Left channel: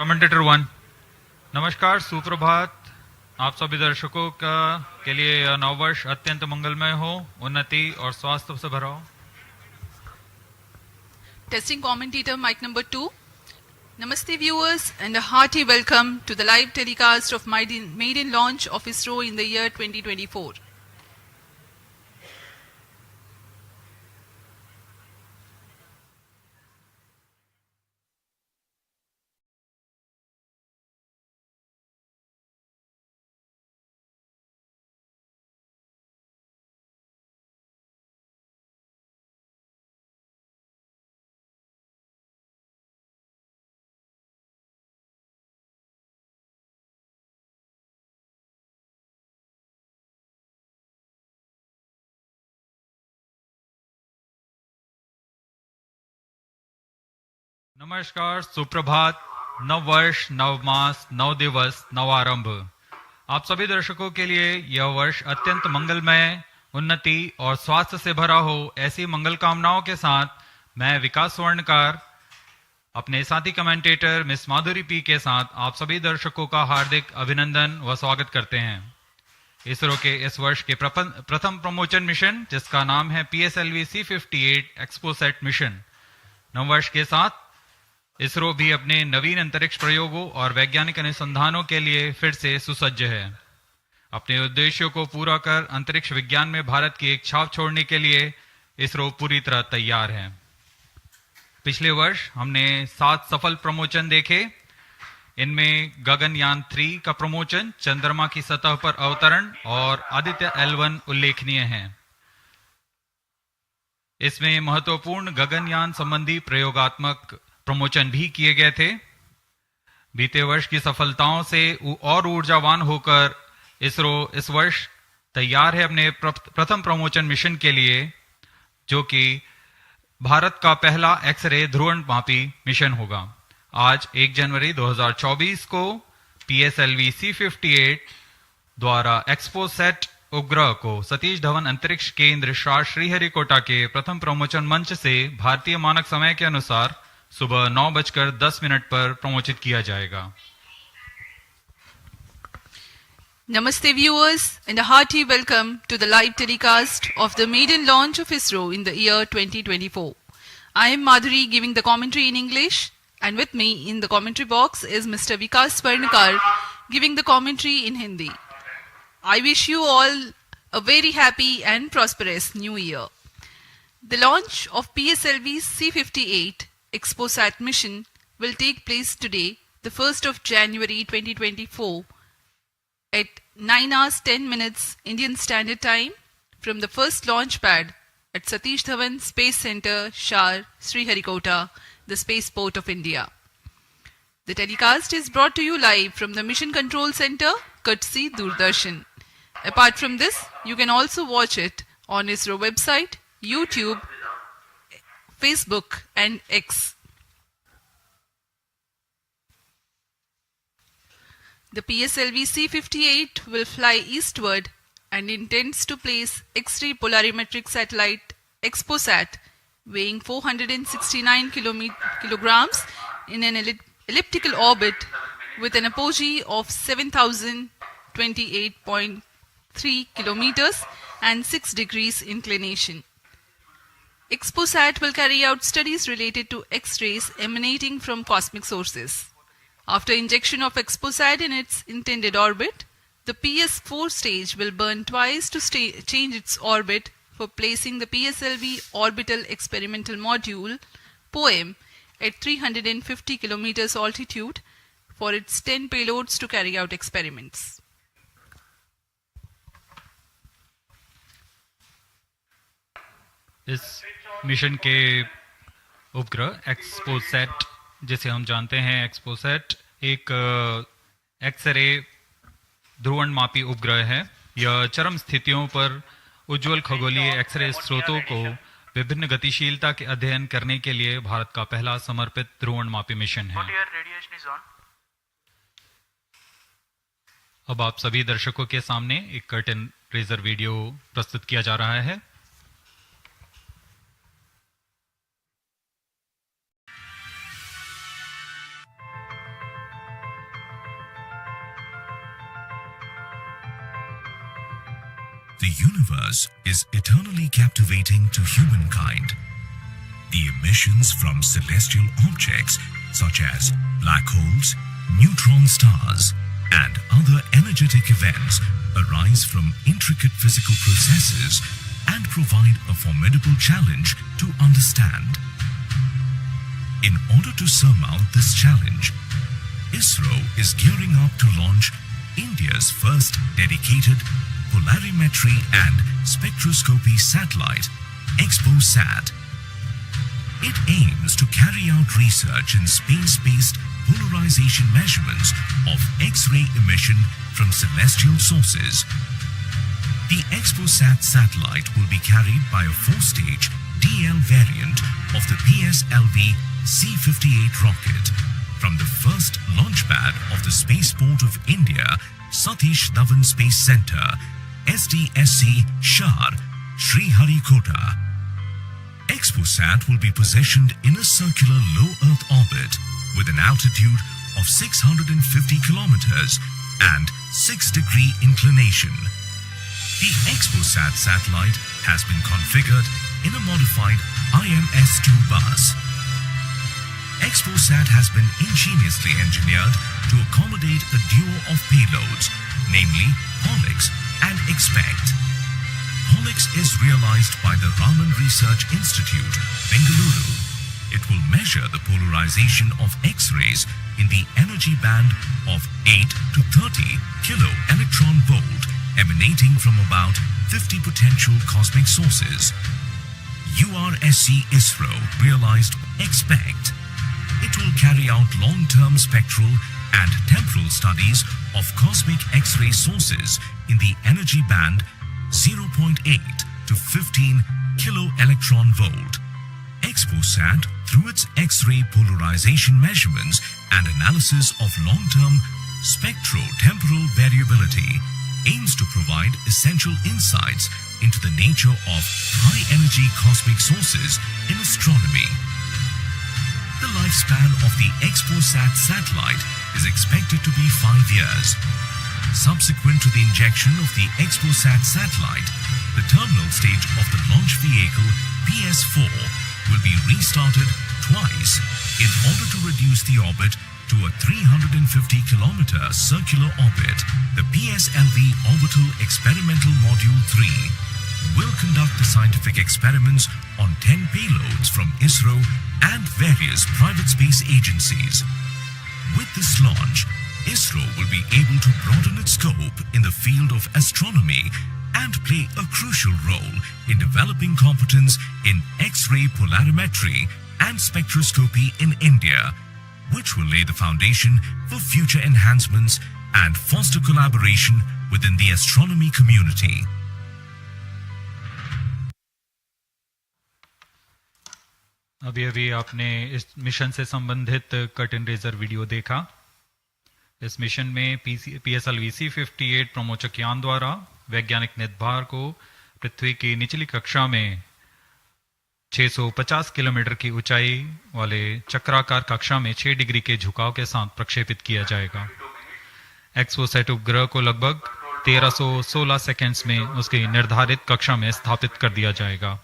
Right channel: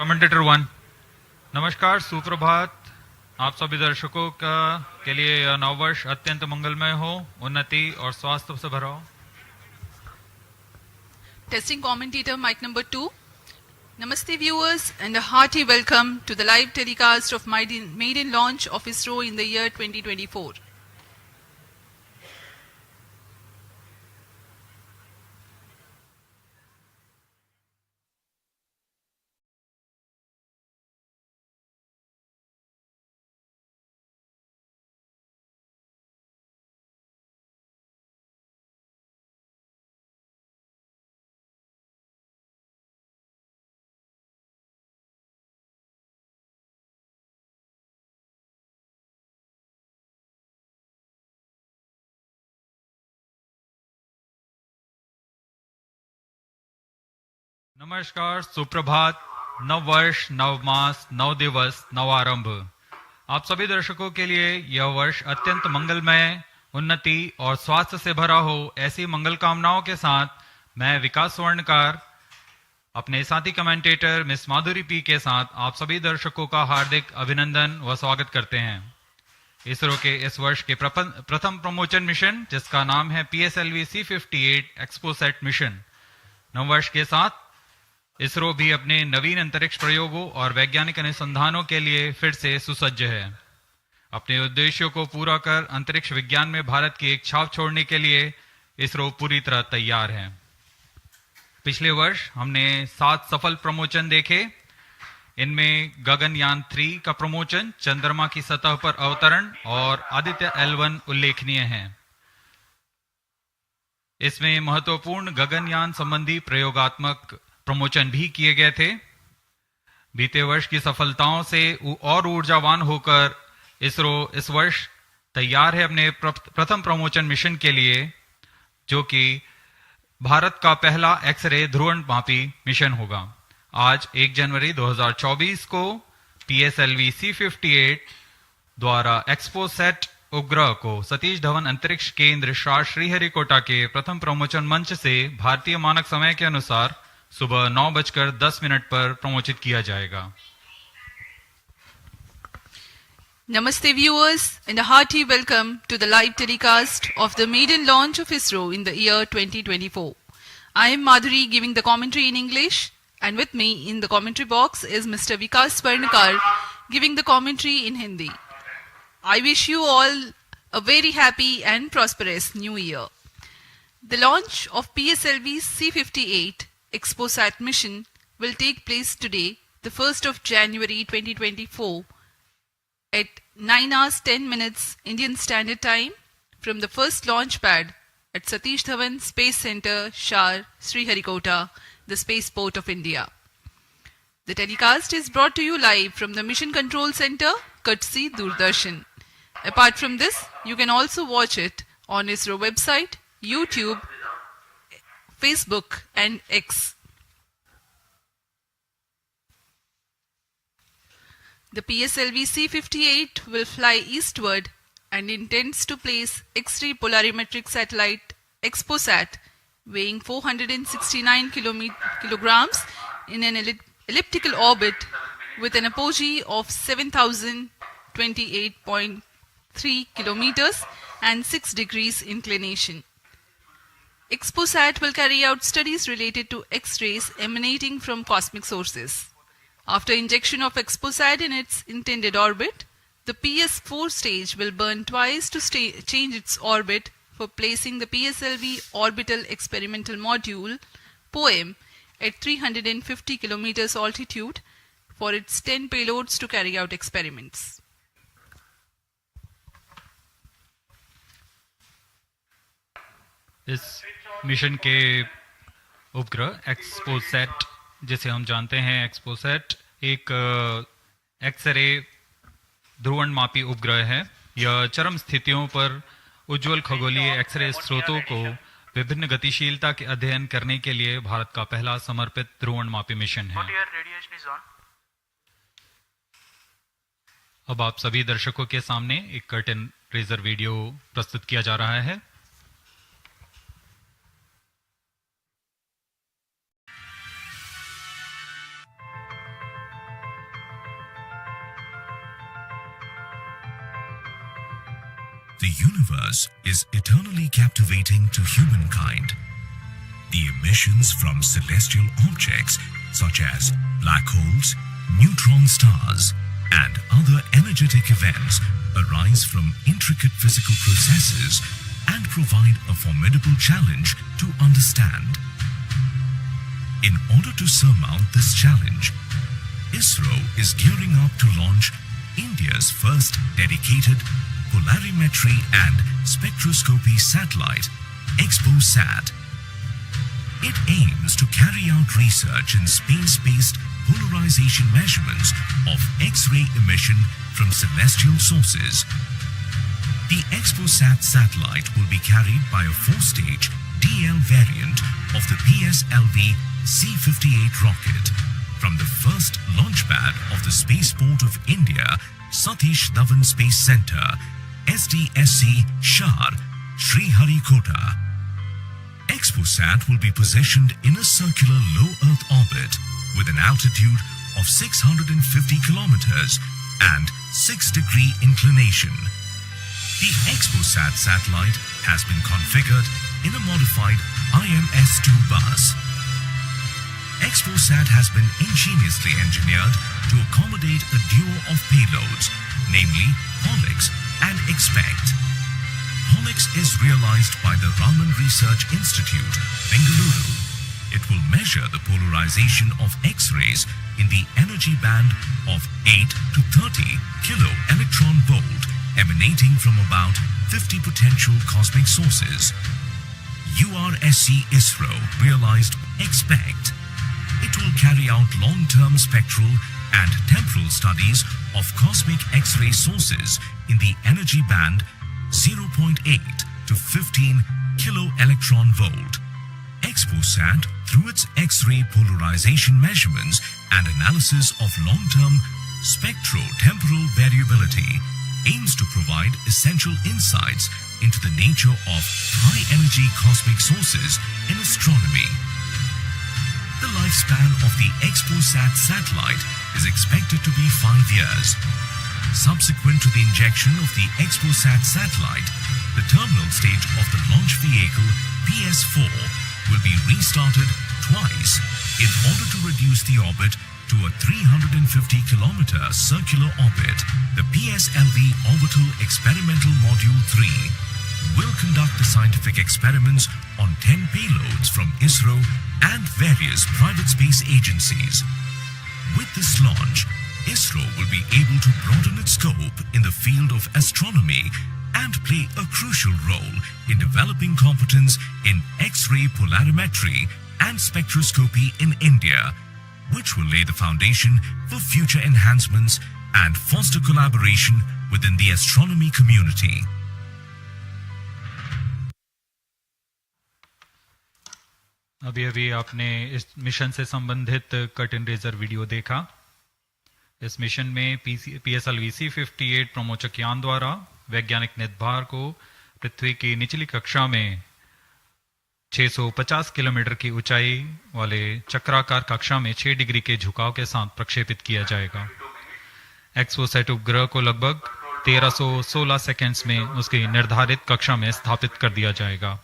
Commentator 1। नमस्कार, सुप्रभात। आप सभी दर्शकों के लिए यह नववर्ष अत्यंत मंगलमय हो, उन्नति और स्वास्थ्य से भरा हो। Testing commentator mic number 2. Namaste viewers and a hearty welcome to the live telecast of maiden launch of ISRO in the year 2024. नमस्कार, सुप्रभात, नव वर्ष, नव मास, नव दिवस, नव आरंभ। आप सभी दर्शकों के लिए यह वर्ष अत्यंत मंगलमय, उन्नति और स्वास्थ्य से भरा हो, ऐसी मंगल कामनाओं के साथ मैं विकास स्वर्णकार अपने साथी कमेंटेटर मिस माधुरी पी के साथ आप सभी दर्शकों का हार्दिक अभिनंदन व स्वागत करते हैं। इसरो के इस वर्ष के प्रथम प्रमोशन मिशन, जिसका नाम है PSLV-C58 XPoSat मिशन। नववर्ष के साथ इसरो भी अपने नवीन अंतरिक्ष प्रयोगों और वैज्ञानिक अनुसंधानों के लिए फिर से सुसज्ज है। अपने उद्देश्यों को पूरा कर अंतरिक्ष विज्ञान में भारत की एक छाप छोड़ने के लिए इसरो पूरी तरह तैयार है। पिछले वर्ष हमने 7 सफल प्रमोशन देखे। इनमें गगनयान 3 का प्रमोशन, चंद्रमा की सतह पर अवतरण और आदित्य L1 उल्लेखनीय है। इसमें महत्वपूर्ण गगनयान संबंधी प्रयोगात्मक प्रमोशन भी किए गए थे। बीते वर्ष की सफलताओं से और ऊर्जावान होकर इसरो इस वर्ष तैयार है अपने प्रथम प्रमोशन मिशन के लिए, जो कि भारत का पहला एक्सरे ध्रुवणमापी मिशन होगा। आज 1 जनवरी 2024 को PSLV-C58 द्वारा XPoSat उपग्रह को सतीश धवन अंतरिक्ष केंद्र श्रीहरिकोटा के प्रथम प्रमोशन मंच से भारतीय मानक समय के अनुसार सुबह 9:10 पर प्रमोशित किया जाएगा। Namaste viewers and a hearty welcome to the live telecast of the maiden launch of ISRO in the year 2024. I am Madhuri giving the commentary in English, and with me in the commentary box is Mr. Vikas Swarnakar giving the commentary in Hindi. I wish you all a very happy and prosperous new year. The launch of PSLV-C58 XPoSat mission will take place today, the 1st of January 2024 at 9:10 Indian Standard Time from the first launch pad at Satish Dhawan Space Center, Sriharikota, the spaceport of India. The telecast is brought to you live from the Mission Control Center, courtesy Doordarshan. Apart from this, you can also watch it on ISRO website, YouTube, Facebook and X. The PSLV-C58 will fly eastward and intends to place X-ray polarimetric satellite XPoSat weighing 469 kilograms in an elliptical orbit with an apogee of 7,028.3 kilometers and 6 degrees inclination. XPoSat will carry out studies related to X-rays emanating from cosmic sources. After injection of XPoSat in its intended orbit, the PS4 stage will burn twice to change its orbit for placing the PSLV Orbital Experimental Module (POEM) at 350 km altitude for its 10 payloads to carry out experiments. इस mission के उपग्रह XPoSat, जिसे हम जानते हैं XPoSat, एक x ray ध्रुवणमापी उपग्रह है। यह चरम स्थितियों पर उज्जवल खगोलीय एक्सरे स्रोतों को विभिन्न गतिशीलता के अध्ययन करने के लिए भारत का पहला समर्पित ध्रुवणमापी मिशन है। अब आप सभी दर्शकों के सामने एक कर्टन रेजर वीडियो प्रस्तुत किया जा रहा है। The universe is eternally captivating to humankind. The emissions from celestial objects such as black holes, neutron stars, and other energetic events arise from intricate physical processes and provide a formidable challenge to understand. In order to surmount this challenge, ISRO is gearing up to launch India's first dedicated polarimetry and spectroscopy satellite, XPoSat. It aims to carry out research in space-based polarization measurements of X-ray emission from celestial sources. The XPoSat satellite will be carried by a 4-stage DL variant of the PSLV-C58 rocket from the first launch pad of the Spaceport of India, Tstation Space Center, SDSC Shar, Sriharikota. XPoSat will be positioned in a circular low Earth orbit with an altitude of 650 kilometers and 6-degree inclination. The XPoSat satellite has been configured in a modified IMS-2 bus. XPoSat has been ingeniously engineered to accommodate a duo of payloads, namely HOLIX and EXPECT. HOLIX is realized by the Raman Research Institute, Bengaluru. It will measure the polarization of X-rays in the energy band of 8 to 30 kilo-electron volt emanating from about 50 potential cosmic sources. URSC ISRO realized EXPECT. It will carry out long-term spectral and temporal studies of cosmic X-ray sources in the energy band 0.8 to 15 kilo-electron volt. XPoSat, through its X-ray polarization measurements and analysis of long-term spectro-temporal variability, aims to provide essential insights into the nature of high-energy cosmic sources in astronomy. The lifespan of the XPoSat satellite is expected to be 5 years. Subsequent to the injection of the XPoSat satellite, the terminal stage of the launch vehicle PS4 will be restarted twice in order to reduce the orbit to a 350-kilometer circular orbit. The PSLV Orbital Experimental Module 3 will conduct the scientific experiments on 10 payloads from ISRO and various private space agencies. With this launch, ISRO will be able to broaden its scope in the field of astronomy and play a crucial role in developing competence in X-ray polarimetry and spectroscopy in India, which will lay the foundation for future enhancements and foster collaboration within the astronomy community. अभी अभी आपने इस mission से संबंधित cut and razor video देखा। इस mission में PSLV-C58 प्रमोचक यान द्वारा वैज्ञानिक निर्धार को पृथ्वी की निचली कक्षा में 650 किलोमीटर की ऊंचाई वाले चक्राकार कक्षा में 6 डिग्री के झुकाव के साथ प्रक्षेपित किया जाएगा। एक्सपोसैट उपग्रह को लगभग 1316 सेकेंड्स में उसकी निर्धारित कक्षा में स्थापित कर दिया जाएगा।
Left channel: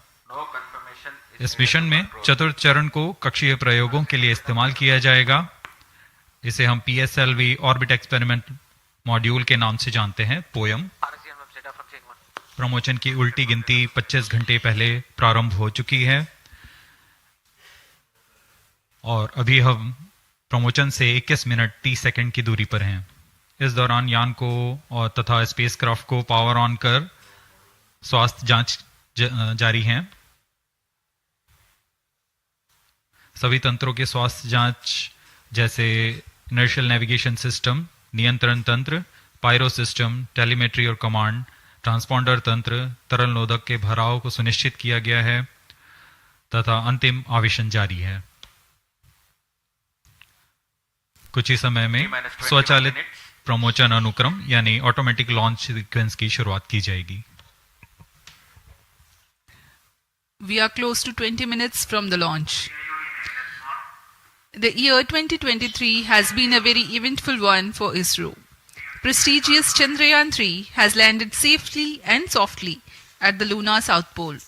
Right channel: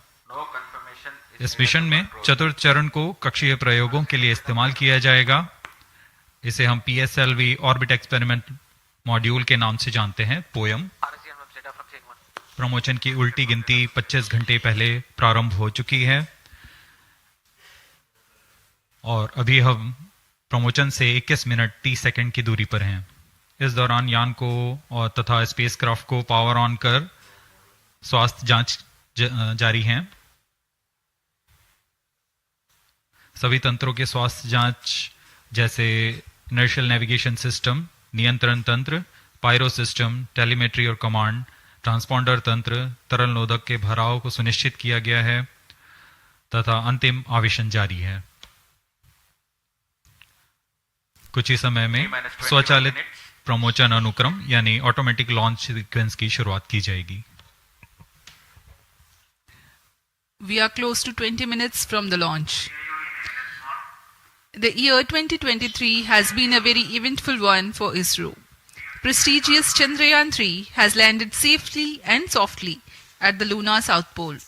इस मिशन में चतुर्थ चरण को कक्षीय प्रयोगों के लिए इस्तेमाल किया जाएगा। इसे हम PSLV ऑर्बिट एक्सपेरिमेंट मॉड्यूल के नाम से जानते हैं, पोयम। प्रमोचन की उल्टी गिनती 25 घंटे पहले प्रारंभ हो चुकी है और अभी हम प्रमोचन से 21 मिनट 30 सेकंड की दूरी पर हैं। इस दौरान यान को और तथा स्पेसक्राफ्ट को पावर ऑन कर स्वास्थ्य जांच जारी है। सभी तंत्रों के स्वास्थ्य जांच जैसे इनर्शियल नेविगेशन सिस्टम, नियंत्रण तंत्र, पायरो सिस्टम, टेलीमेट्री और कमांड, ट्रांसपॉन्डर तंत्र, तरल नोदक के भराव को सुनिश्चित किया गया है तथा अंतिम आवेशन जारी है। कुछ ही समय में स्वचालित प्रमोचन अनुक्रम यानी ऑटोमेटिक लॉन्च सीक्वेंस की शुरुआत की जाएगी। We are close to 20 minutes from the launch. The year 2023 has been a very eventful one for ISRO. prestigious Chandrayaan-3 has landed safely and softly at the lunar South Pole.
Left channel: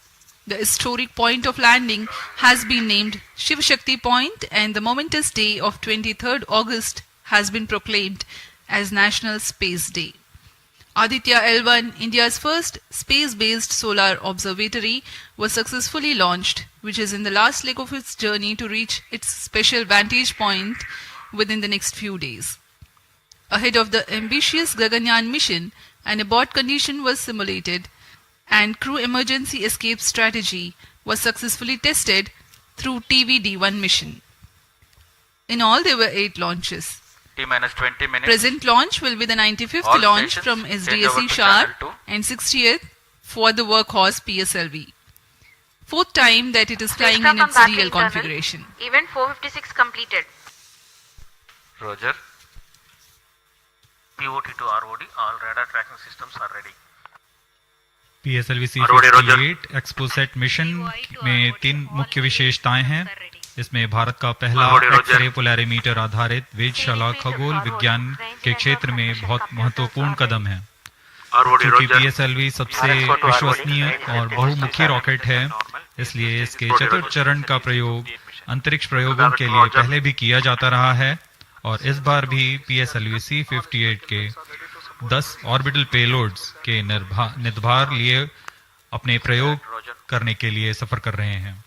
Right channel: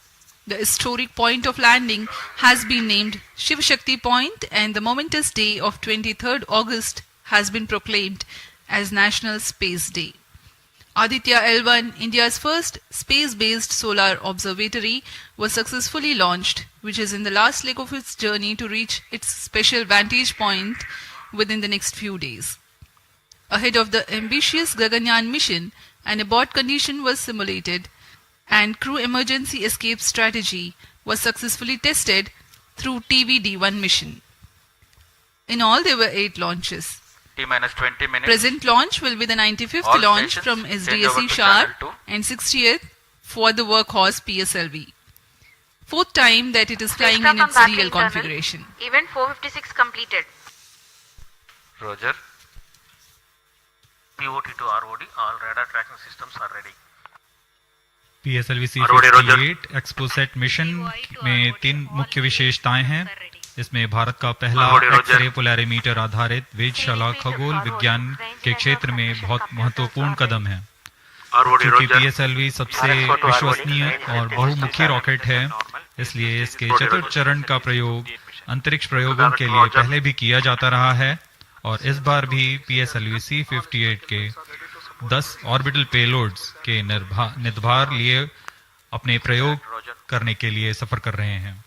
The historic point of landing has been named Shiv Shakti Point, and the momentous day of 23rd August has been proclaimed as National Space Day. Aditya L1, India's first space-based solar observatory, was successfully launched, which is in the last leg of its journey to reach its special vantage point within the next few days. Ahead of the ambitious Gaganyaan mission, an abort condition was simulated and crew emergency escape strategy was successfully tested through TVD-1 mission. In all, there were 8 launches. T-minus 20 minutes. Present launch will be the 95th All launch stations from change over SDSC to Sharp channel 2. and 60th for the workhorse PSLV. 4th time that it is flying in its real configuration. Event 456 completed. Roger. POT to ROD, all radar tracking systems are ready. PSLV-C58 XPoSat mission में 3 मुख्य विशेषताएं हैं। इसमें भारत का पहला x-ray polarimeter आधारित वेधशाला खगोल विज्ञान के क्षेत्र में बहुत महत्वपूर्ण कदम है। क्योंकि PSLV सबसे विश्वसनीय और बहुमुखी रॉकेट है, इसलिए इसके चतुर्थ चरण का प्रयोग अंतरिक्ष प्रयोगों के लिए पहले भी किया जाता रहा है और इस बार भी PSLV-C58 के 10 ऑर्बिटल पेलोड्स के निर्धार लिए अपने प्रयोग करने के लिए सफर कर रहे हैं।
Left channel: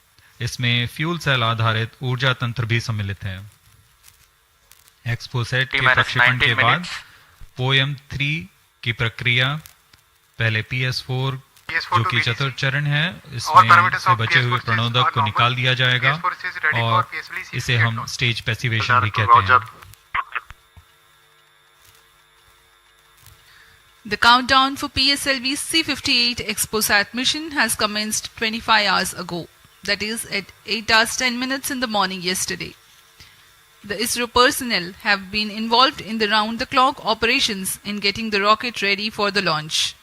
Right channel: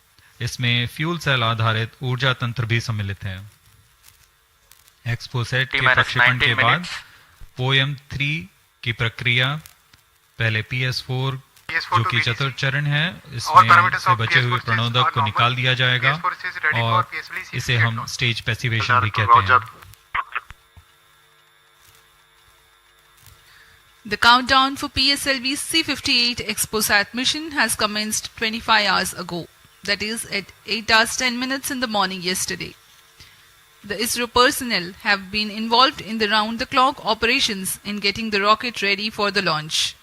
इसमें फ्यूल सेल आधारित ऊर्जा तंत्र भी सम्मिलित है। एक्सपोसैट के प्रक्षेपण के बाद पोएम-3 की प्रक्रिया पहले PS4 जो कि चतुर्थ चरण है, इसमें से बचे हुए प्रणोदक को निकाल दिया जाएगा और इसे हम स्टेज पैसिवेशन भी कहते हैं। The countdown for PSLV-C58 XPoSat mission has commenced 25 hours ago, that is at 8 hours 10 minutes in the morning yesterday. The ISRO personnel have been involved in the round-the-clock operations in getting the rocket ready for the launch.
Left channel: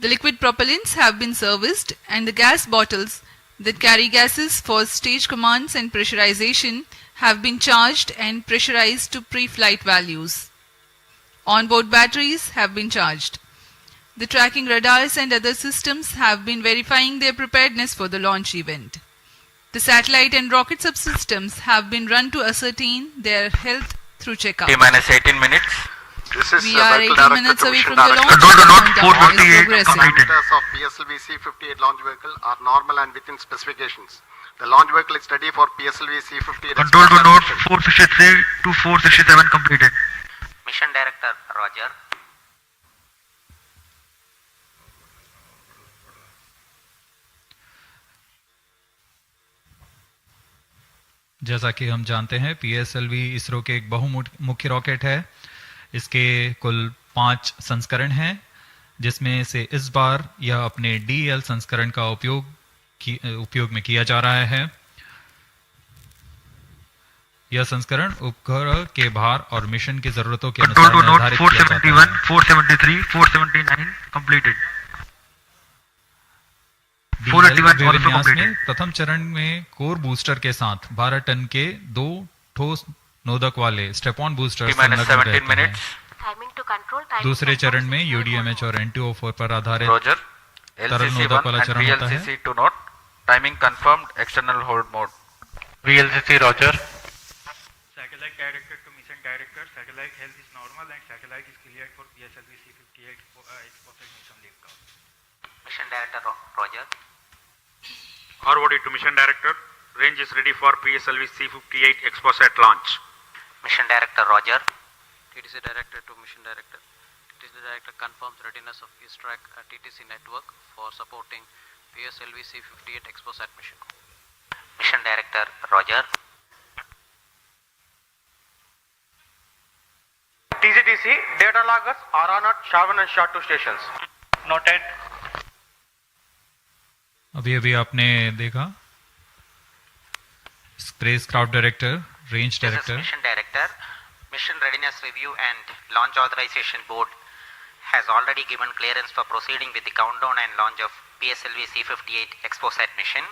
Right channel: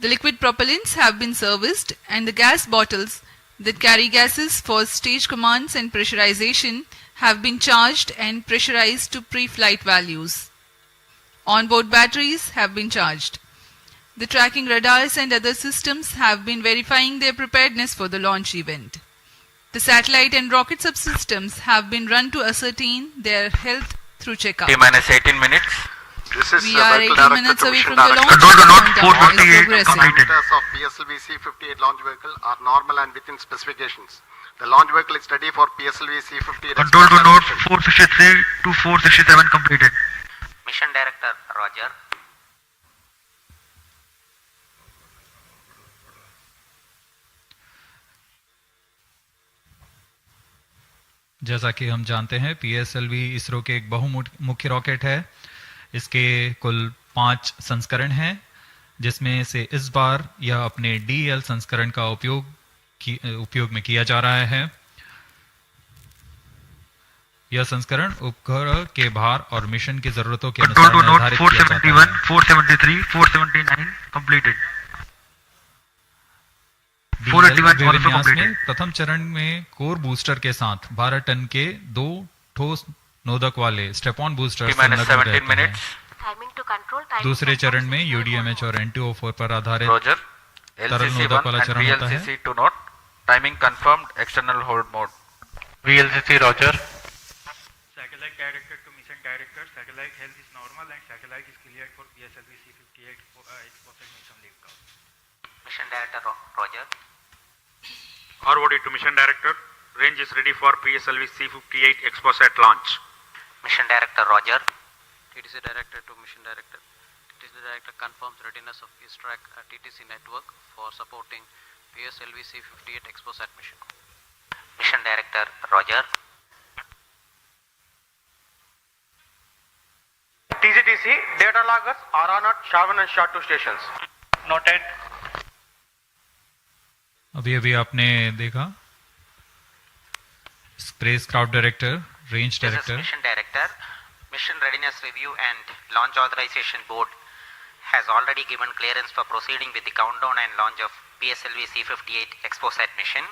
The liquid propellants have been serviced and the gas bottles that carry gases for stage commands and pressurization have been charged and pressurized to pre-flight values. Onboard batteries have been charged. The tracking radars and other systems have been verifying their preparedness for the launch event. The satellite and rocket subsystems have been run to ascertain their health through checkup. T-minus 18 minutes. We are 18 minutes away from the launch. Control to note Countdown is 448 progressing. completed. Parameters of PSLV-C58 launch vehicle are normal and within specifications. The launch vehicle is ready for PSLV-C58. Control to note 463 to 467 completed. Mission Director, Roger. जैसा कि हम जानते हैं, PSLV ISRO के एक बहुमुखी rocket है। इसके कुल 5 संस्करण हैं, जिसमें से इस बार यह अपने DL संस्करण का उपयोग में किया जा रहा है। यह संस्करण उपग्रह के भार और मिशन की जरूरतों के अनुसार Control to note निर्धारित किया जाता 471, है। 473, 479 completed. DL 481 also विन्यास में completed. प्रथम चरण में कोर बूस्टर के साथ 12 टन के 2 ठोस नोदक वाले स्टेप-ऑन बूस्टर T-minus संलग्न 17 रहते हैं। minutes. Timing to control. Timing दूसरे control. चरण में UDMH और NTO4 पर आधारित Roger. तरल नोदक LCC1 वाला and चरण होता है। VLCC to note. Timing confirmed. External hold mode. VLCC Roger. Satellite director to mission director. Satellite health is normal and satellite is cleared for PSLV-C58 XPoSat mission liftoff. Mission Director, Roger. ROD to mission director. Range is ready for PSLV-C58 XPoSat launch. Mission Director, Roger. TTC Director to Mission Director. TTC Director confirms readiness of ISRO TTC network for supporting PSLV-C58 XPoSat mission. Mission Director, Roger. TCTC data loggers are on at Shavan and SHA2 stations. Noted. अभी आपने देखा space craft director, range This is director. Mission Director. Mission Readiness Review and Launch Authorization Board has already given clearance for proceeding with the countdown and launch of PSLV-C58 XPoSat mission.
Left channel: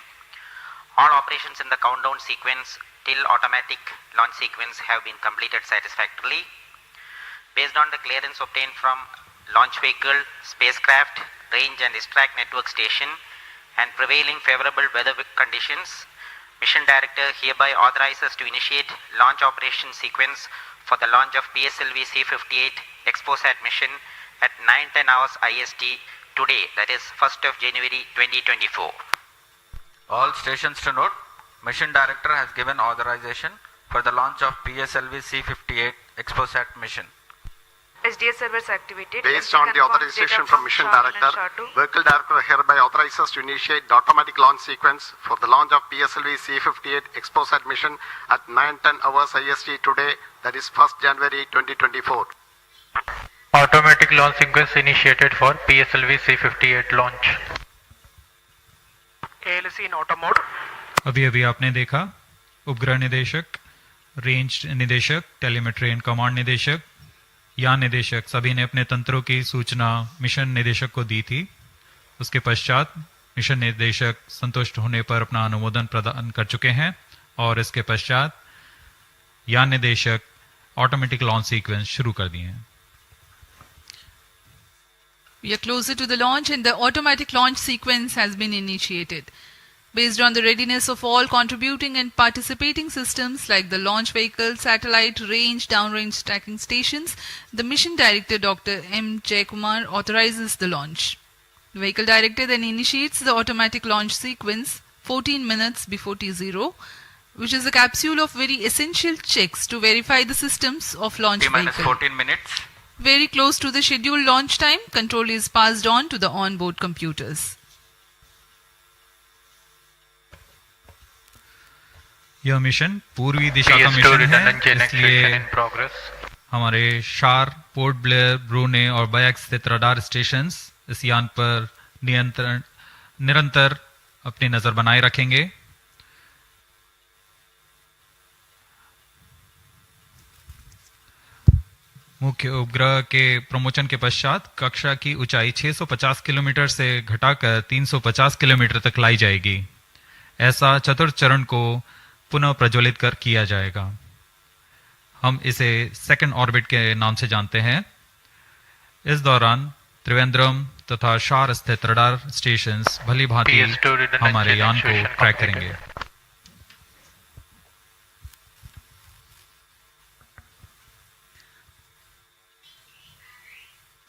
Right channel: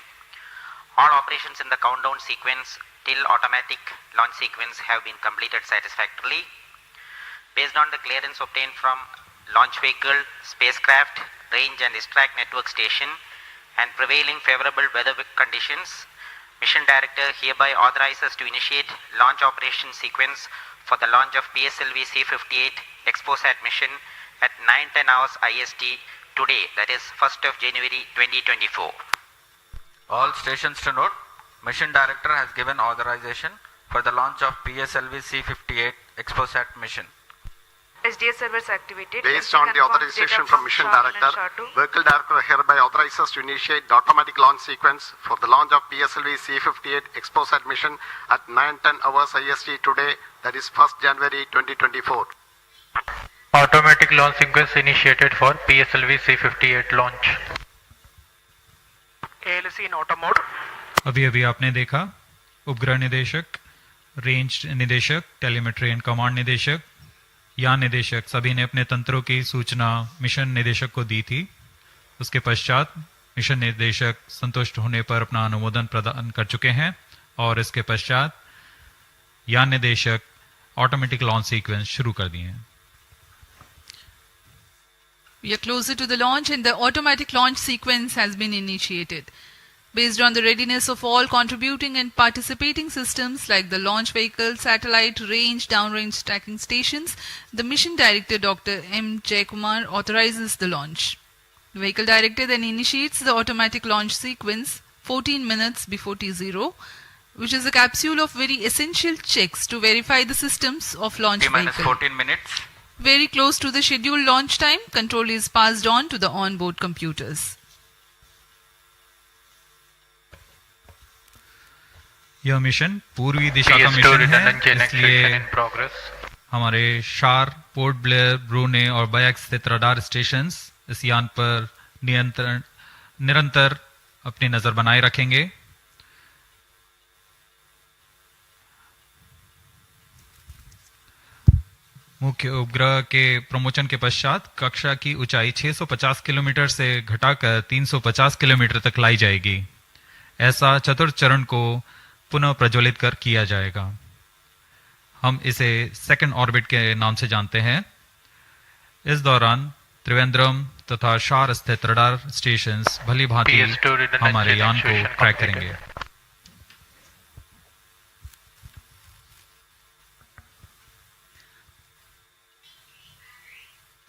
All operations in the countdown sequence till automatic launch sequence have been completed satisfactorily. Based on the clearance obtained from launch vehicle, spacecraft, range and distract network station and prevailing favorable weather conditions, Mission Director hereby authorizes to initiate launch operation sequence for the launch of PSLV-C58 XPoSat mission at 9:10 hours IST today, that is 1st of January 2024. All stations to note, Mission Director has given authorization for the launch of PSLV-C58 XPoSat mission. SDS servers activated. Based on the authorization from Mission Director, Vehicle Director hereby authorizes to initiate the automatic launch sequence for the launch of PSLV-C58 XPoSat mission at 9:10 hours IST today, that is 1st January 2024. Automatic launch sequence initiated for PSLV-C58 launch. ALC in auto mode. अभी अभी आपने देखा उपग्रह निदेशक, range निदेशक, telemetry and command निदेशक, यान निदेशक सभी ने अपने तंत्रों की सूचना मिशन निदेशक को दी थी। उसके पश्चात मिशन निदेशक संतुष्ट होने पर अपना अनुमोदन प्रदान कर चुके हैं और इसके पश्चात यान निदेशक ऑटोमेटिक लॉन्च सीक्वेंस शुरू कर दिए हैं। We are closer to the launch and the automatic launch sequence has been initiated. Based on the readiness of all contributing and participating systems like the launch vehicle, satellite, range, downrange tracking stations, the Mission Director Dr. M. Jayakumar authorizes the launch. The Vehicle Director then initiates the automatic launch sequence 14 minutes before T0, which is a capsule of very essential checks to verify the systems of launch vehicle. 14 minutes. Very close to the scheduled launch time, control is passed on to the onboard computers. यह mission पूर्वी दिशा का mission है, इसलिए हमारे शार, port Blair, ब्रूने और bike स्थित radar stations इस यान पर निरंतर अपनी नजर बनाए रखेंगे। मुख्य उपग्रह के प्रमोशन के पश्चात कक्षा की ऊंचाई 650 किलोमीटर से घटाकर 350 किलोमीटर तक लाई जाएगी। ऐसा चतुर्थ चरण को पुनः प्रज्वलित कर किया जाएगा। हम इसे सेकंड ऑर्बिट के नाम से जानते हैं। इस दौरान त्रिवेंद्रम तथा शार स्थित रडार स्टेशंस भली भांति हमारे यान को ट्रैक करेंगे।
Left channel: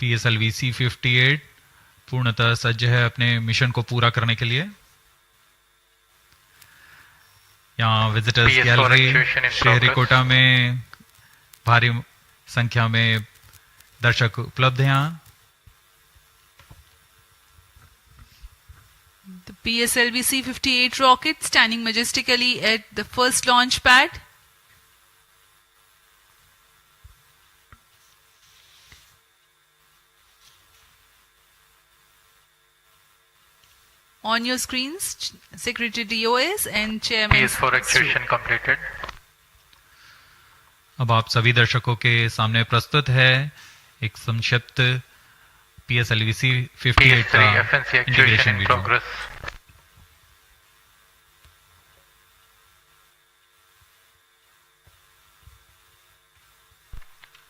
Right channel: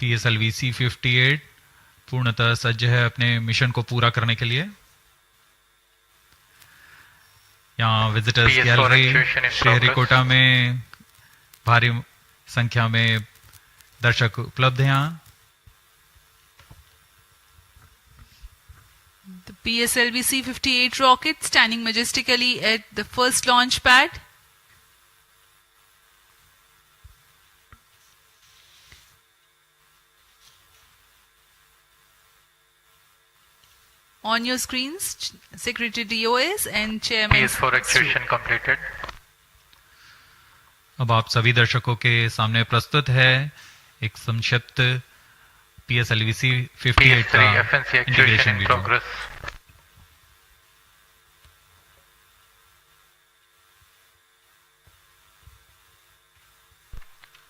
PSLV-C58 पूर्णतः सज्ज है अपने मिशन को पूरा करने के लिए। यहाँ विजिटर्स गैलरी श्रीहरिकोटा में भारी संख्या में दर्शक उपलब्ध हैं। यहाँ The PSLV-C58 rocket standing majestically at the first launch pad. On your screens, Secretary DOS and Chairman. PS4 activation completed. अब आप सभी दर्शकों के सामने प्रस्तुत है एक संक्षिप्त PSLV-C58 का integration video.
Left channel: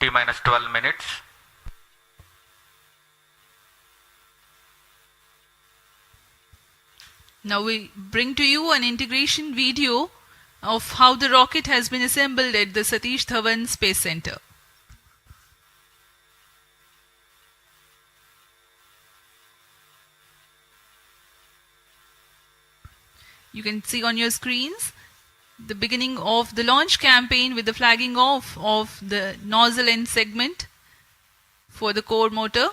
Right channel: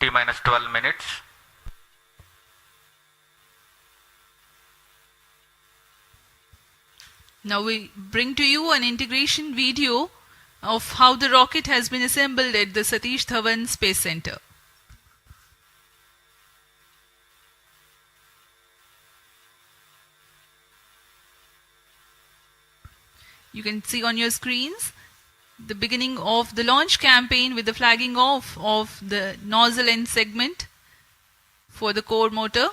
T-12 minutes. Now we bring to you an integration video of how the rocket has been assembled at the Satish Dhawan Space Center. You can see on your screens the beginning of the launch campaign with the flagging off of the nozzle end segment for the core motor.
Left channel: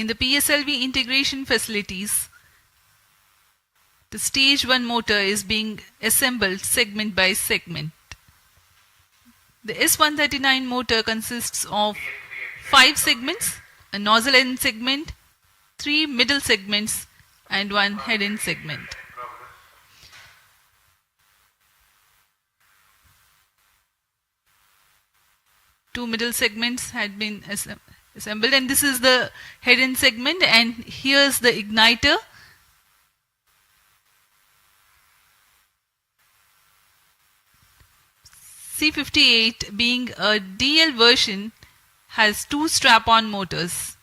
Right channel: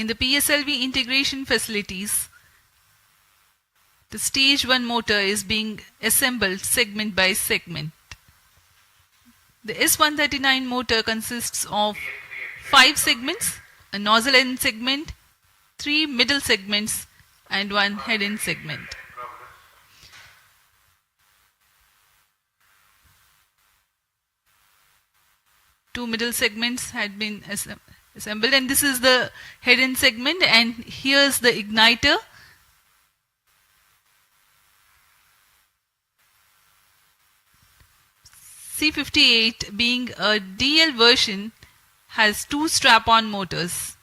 In the PSLV integration facilities, the stage 1 motor is being assembled segment by segment. The S139 motor consists of 5 segments, a nozzle end segment, 3 middle segments and 1 head end segment. Two middle segments had been assembled, and this is the head end segment, and here's the igniter. C58, being a DL version, has two strap-on motors,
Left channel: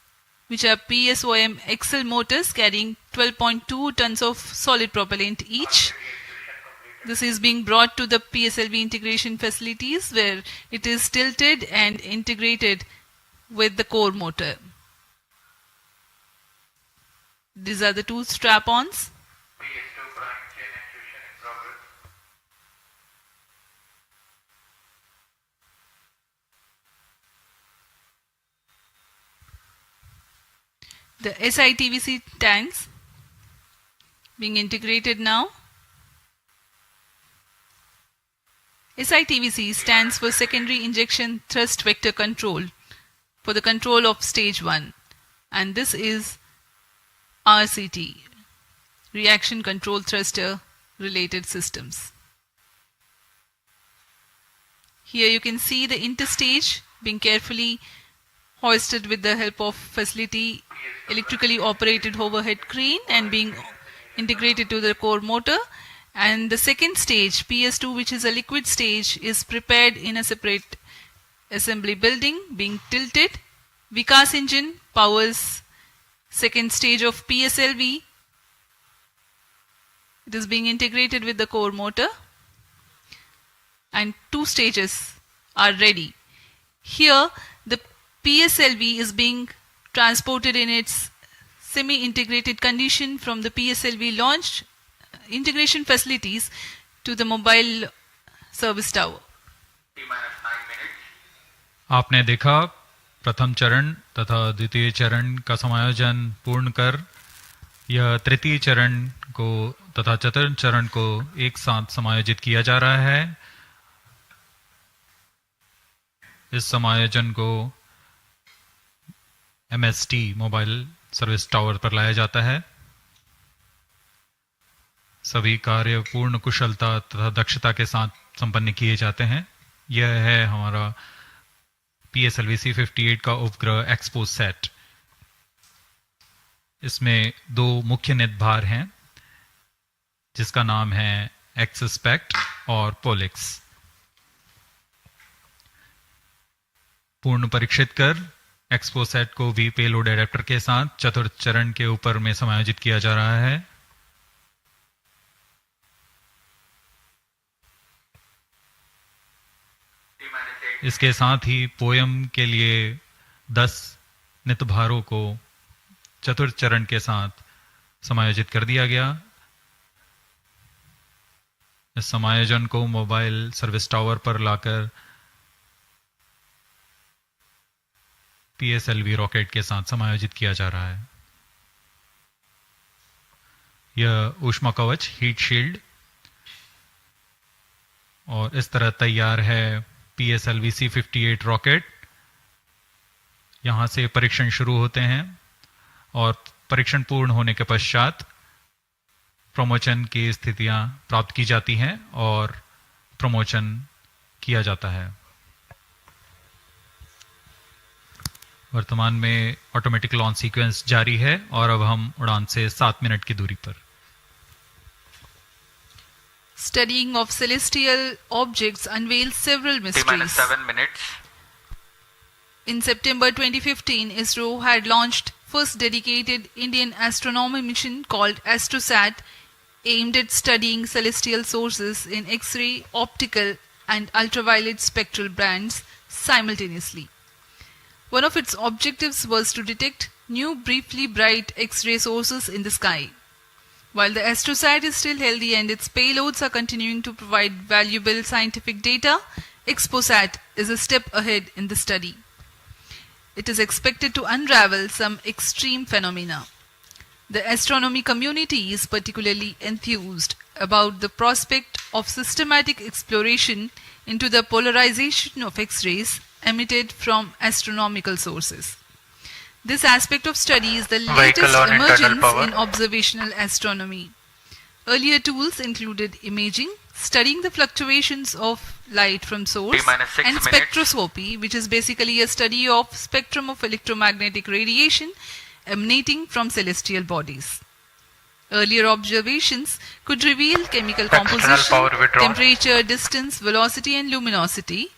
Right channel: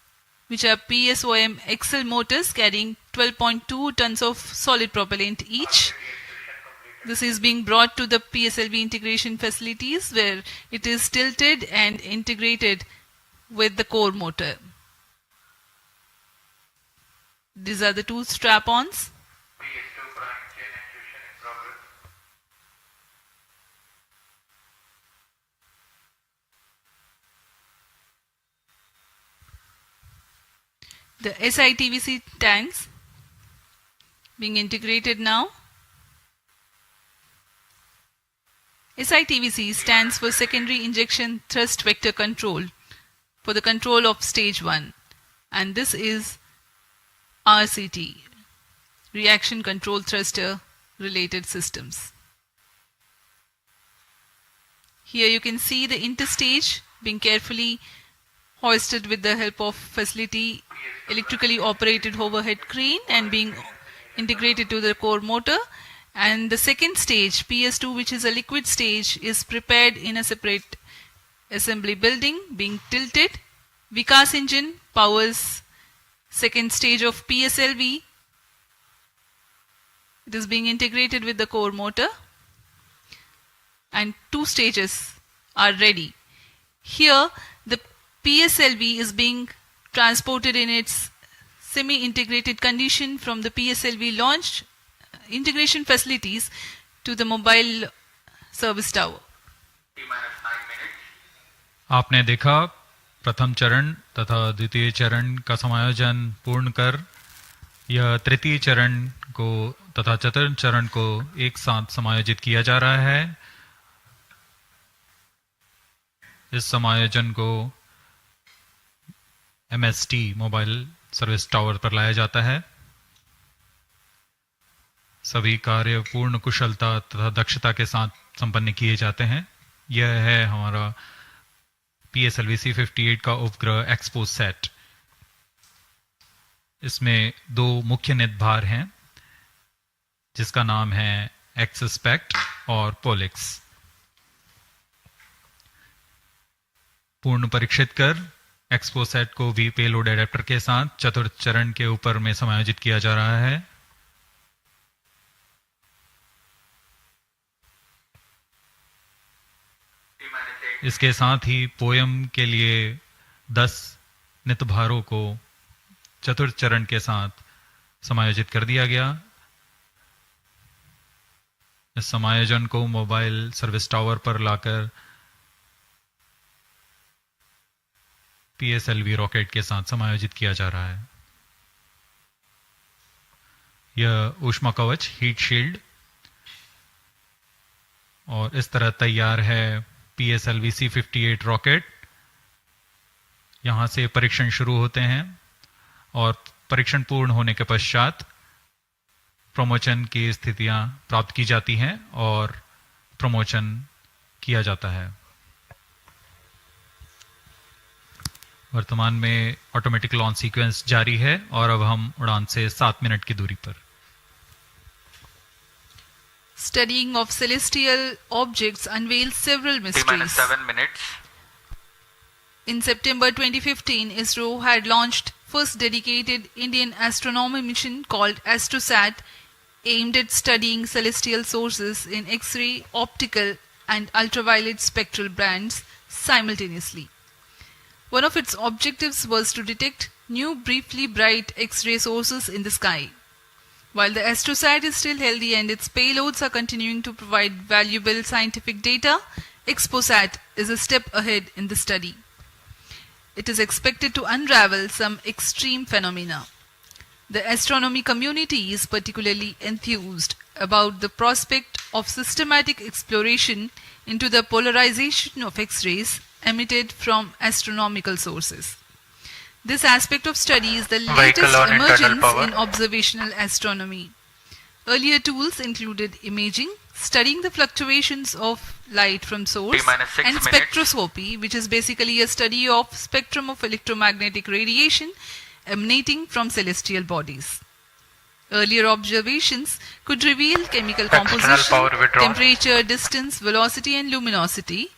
which are PSOM XL motors carrying 12.2 tons of solid propellant each. This is being brought to the PSLV integration facilities where it is tilted and integrated with the core motor. These are the two strap-ons. The SITVC tanks being integrated now. SITVC stands for Secondary Injection Thrust Vector Control for the control of stage 1, and this is RCT, Reaction Control Thruster Related Systems. Here you can see the interstage being carefully hoisted with the help of facility electrically operated overhead crane and being integrated to the core motor. And the second stage, PS2, which is a liquid stage, is prepared in a separate assembly building, being tilted. Vikas engine powers second stage of PSLV. It is being integrated with the core motor, and two stages are ready. Here the PSLV is being transported in its semi-integrated condition from the PSLV launch integration facilities to the mobile service tower. आपने देखा प्रथम चरण तथा द्वितीय चरण का समायोजन पूर्ण कर यह तृतीय चरण को तथा चतुर्थ चरण को एक साथ समायोजित किया जा रहा है। इस समायोजन को MST मोबाइल सर्विस टावर पर लाया जाता है। सभी कार्य पूर्ण कुशलता तथा दक्षता के साथ संपन्न किए जाते हैं। यह है हमारा PSLV-C58 का उपग्रह XPoSat। इसमें दो मुख्य निदभार हैं जिसका नाम है XSPECT और POLIX। पूर्ण परीक्षित कर XPoSat को भी पेलोड एडेप्टर के साथ चतुर्थ चरण के ऊपर में समायोजित किया जा रहा है। इसके साथ ही पोयम के लिए 10 नितभारों को चतुर्थ चरण के साथ समायोजित कर दिया गया। इस समायोजन को मोबाइल सर्विस टावर पर लाकर PSLV रॉकेट के साथ समायोजित किया जा रहा है। यह ऊष्मा कवच हीट शील्ड और इस तरह तैयार है PSLV-C58 रॉकेट। यहां से परीक्षण शुरू होते हैं और परीक्षण पूर्ण होने के पश्चात प्रमोशन की स्थितियां प्राप्त की जाती हैं और प्रमोशन किया जाता है। वर्तमान में ऑटोमेटिक लॉन्च सीक्वेंस जारी है और अब हम उड़ान से 7 मिनट की दूरी पर। Studying of celestial objects unveils several mysteries. 7 minutes. In September 2015, ISRO had launched first dedicated Indian astronomy mission called AstroSat, aimed at studying celestial sources in X-ray, optical and ultraviolet spectral bands simultaneously. One of its objectives was to detect new briefly bright X-ray sources in the sky. While the AstroSat is still healthy and its payloads are continuing to provide valuable scientific data, XPoSat is a step ahead in the study. It is expected to unravel some extreme phenomena. The astronomy community is particularly enthused about the prospect of systematic exploration into the polarization of X-rays emitted from astronomical sources. This aspect of study is the latest emergence in observational astronomy. Earlier tools included imaging, studying the fluctuations of light from source, and spectroscopy, which is basically a study of spectrum of electromagnetic radiation emanating from celestial bodies. Earlier observations could reveal chemical External composition, power withdrawal. temperature, distance, velocity and luminosity.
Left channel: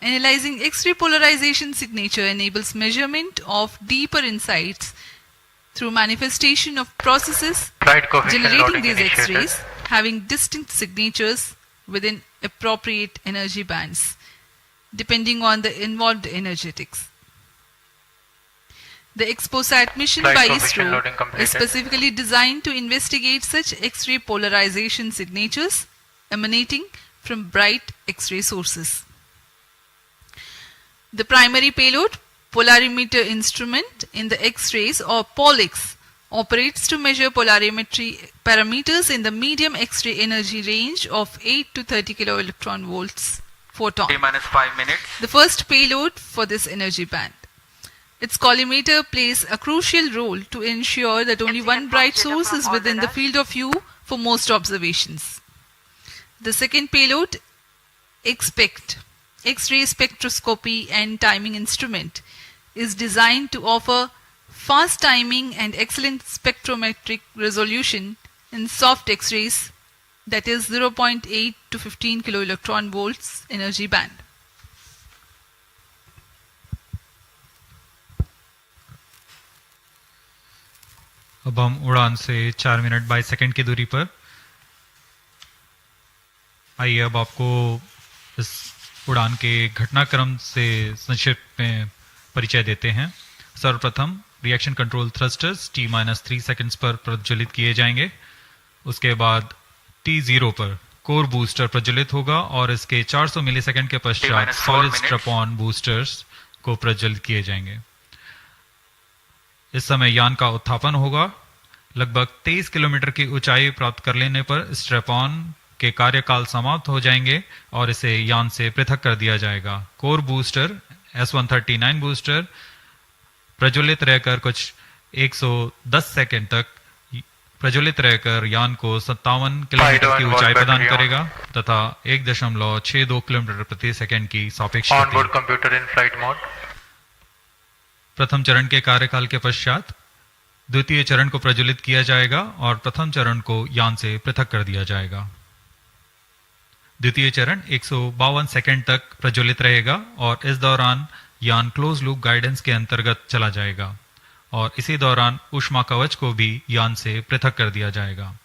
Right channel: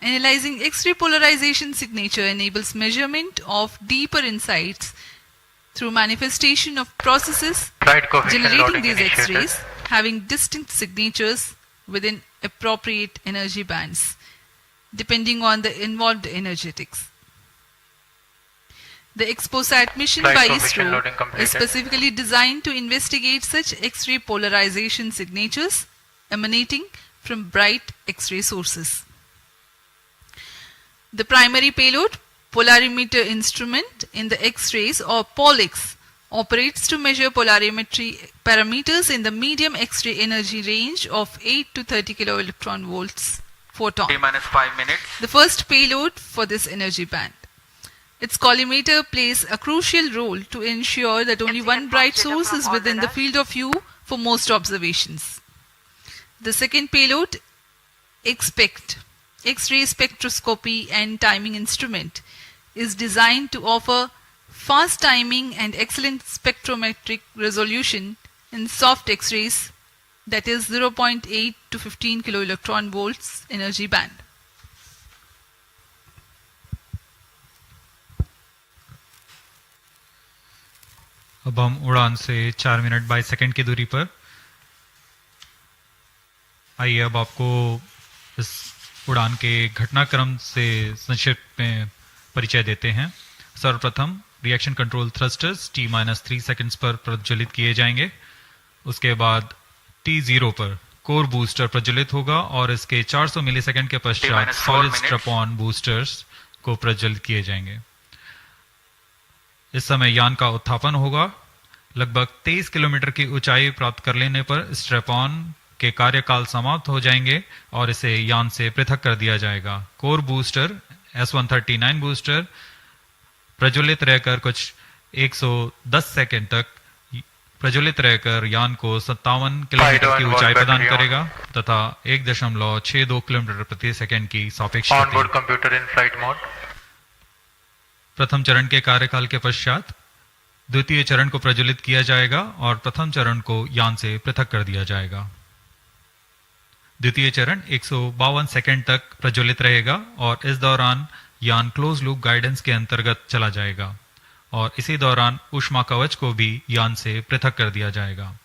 Analyzing X-ray polarization signature enables measurement of deeper insights through manifestation of processes Flight coefficient generating loading these initiated. X-rays having distinct signatures within appropriate energy bands, depending on the involved energetics. The XPoSat mission Flight by coefficient ISRO loading is completed. specifically designed to investigate such X-ray polarization signatures emanating from bright X-ray sources. The primary payload, polarimeter instrument in the X-rays or POLIX, operates to measure polarimetry parameters in the medium X-ray energy range of 8 to 30 kiloelectron volts photon. T-minus 5 minutes. The first payload for this energy band. Its collimator plays a crucial role to ensure that only one bright source is within the field of view for most observations. The second payload, XPECT, X-ray spectroscopy and timing instrument, is designed to offer fast timing and excellent spectrometric resolution in soft X-rays, that is 0.8 to 15 kiloelectron volts energy band. अब हम उड़ान से 4 minute 22 second की दूरी पर। आइए अब आपको इस उड़ान के घटनाक्रम से संक्षिप्त में परिचय देते हैं। सर्वप्रथम reaction control thrusters T-3 seconds पर प्रज्वलित किए जाएंगे। उसके बाद T0 पर कोर बूस्टर प्रज्वलित होगा और इसके 400 मिलीसेकंड के पश्चात सॉलिड स्ट्रैप-ऑन बूस्टर्स को प्रज्वलित किए जाएंगे। इस समय यान का उत्थापन होगा। लगभग 23 किलोमीटर की ऊंचाई प्राप्त कर लेने पर स्ट्रैप-ऑन के कार्यकाल समाप्त हो जाएंगे और इसे यान से पृथक कर दिया जाएगा। कोर बूस्टर S139 बूस्टर प्रज्वलित रहकर कुछ 110 सेकंड तक प्रज्वलित रहकर यान को 57 किलोमीटर की ऊंचाई प्रदान करेगा तथा 1.62 किलोमीटर प्रति सेकंड की सापेक्ष Onboard computer in flight mode. प्रथम चरण के कार्यकाल के पश्चात द्वितीय चरण को प्रज्वलित किया जाएगा और प्रथम चरण को यान से पृथक कर दिया जाएगा। द्वितीय चरण 152 सेकंड तक प्रज्वलित रहेगा और इस दौरान यान क्लोज लूप गाइडेंस के अंतर्गत चला जाएगा और इसी दौरान ऊष्मा कवच को भी यान से पृथक कर दिया जाएगा।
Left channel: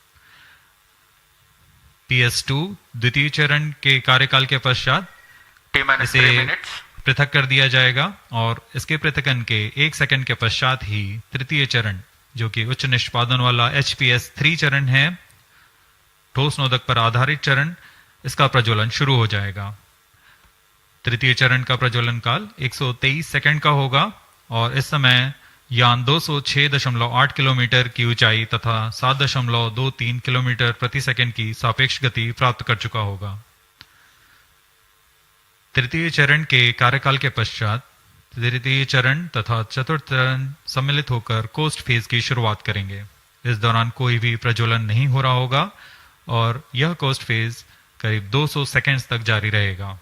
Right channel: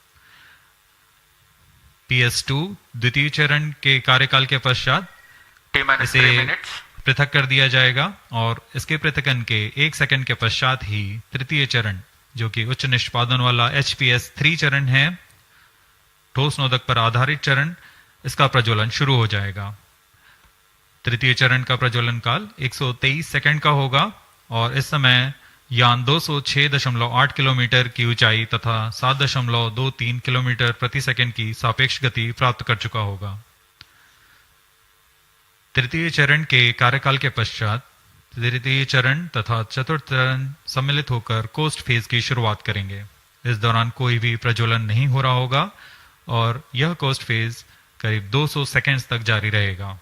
PS2 द्वितीय चरण के कार्यकाल के पश्चात इसे पृथक कर दिया जाएगा और इसके पृथकन के 1 सेकंड के पश्चात ही तृतीय चरण, जो कि उच्च निष्पादन वाला HPS3 चरण है, ठोस नोदक पर आधारित चरण, इसका प्रज्वलन शुरू हो जाएगा। तृतीय चरण का प्रज्वलन काल 123 सेकंड का होगा और इस समय यान 206.8 किलोमीटर की ऊंचाई तथा 7.23 किलोमीटर प्रति सेकंड की सापेक्ष गति प्राप्त कर चुका होगा। तृतीय चरण के कार्यकाल के पश्चात तृतीय चरण तथा चतुर्थ चरण सम्मिलित होकर कोस्ट फेज की शुरुआत करेंगे। इस दौरान कोई भी प्रज्वलन नहीं हो रहा होगा और यह कोस्ट फेज करीब 200 सेकंड्स तक जारी रहेगा।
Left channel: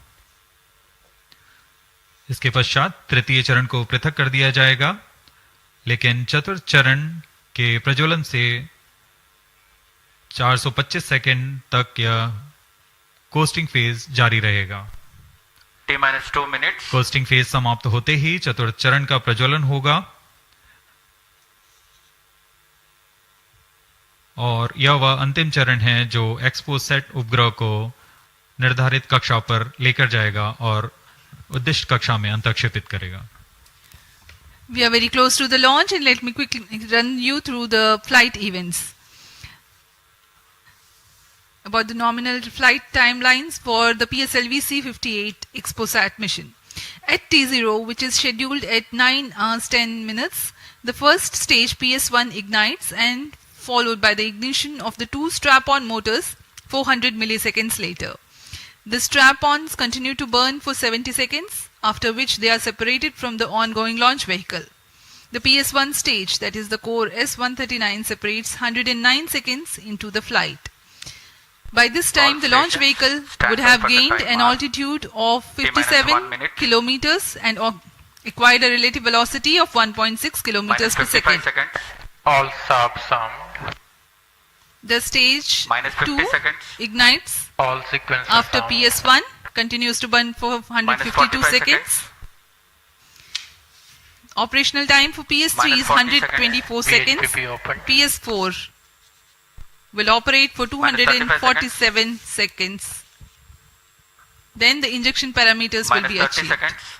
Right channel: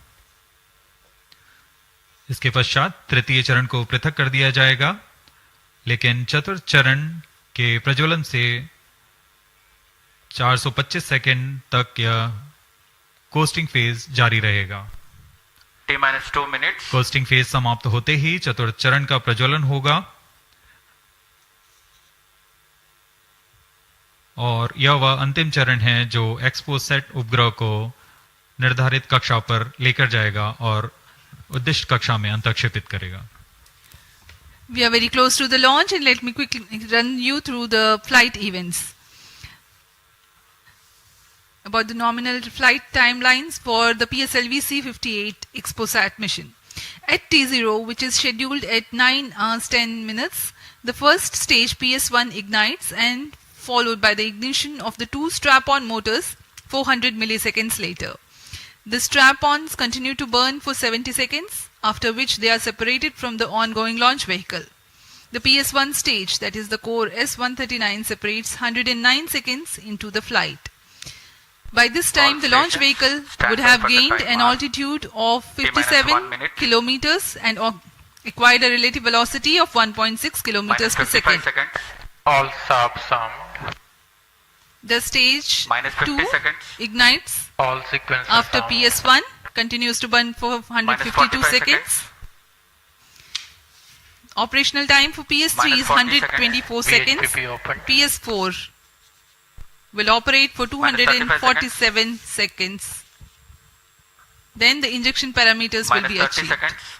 इसके पश्चात तृतीय चरण को पृथक कर दिया जाएगा, लेकिन चतुर्थ चरण के प्रज्वलन से 425 सेकंड तक यह कोस्टिंग फेज जारी रहेगा। T-2 minutes. कोस्टिंग फेज समाप्त होते ही चतुर्थ चरण का प्रज्वलन होगा और यह वह अंतिम चरण है जो XPoSat उपग्रह को निर्धारित कक्षा पर लेकर जाएगा और उद्दिष्ट कक्षा में अंतक्षेपित करेगा। We are very close to the launch and let me quickly run you through the flight events. About the nominal flight timelines for the PSLV-C58 XPoSat mission. At T0, which is scheduled at 9 hours 10 minutes, the first stage PS1 ignites and followed by the ignition of the two strap-on motors 400 milliseconds later. The strap-ons continue to burn for 70 seconds, after which they are separated from the ongoing launch vehicle. The PS1 stage, that is the core S139, separates 109 seconds into the flight. By this time, the launch vehicle would have gained an altitude of 57 kilometers and acquired a relative velocity of 1.6 kilometers per second. All sub sound. The stage minus 50 2 seconds. ignites All sequences after on. PS1, continues to burn for 152 45 seconds. Operational time for PS3 Minus is 40 124 seconds. VHPP open. PS4 will operate for Minus 35 247 seconds. Then the injection parameters will Minus be 30 achieved. seconds.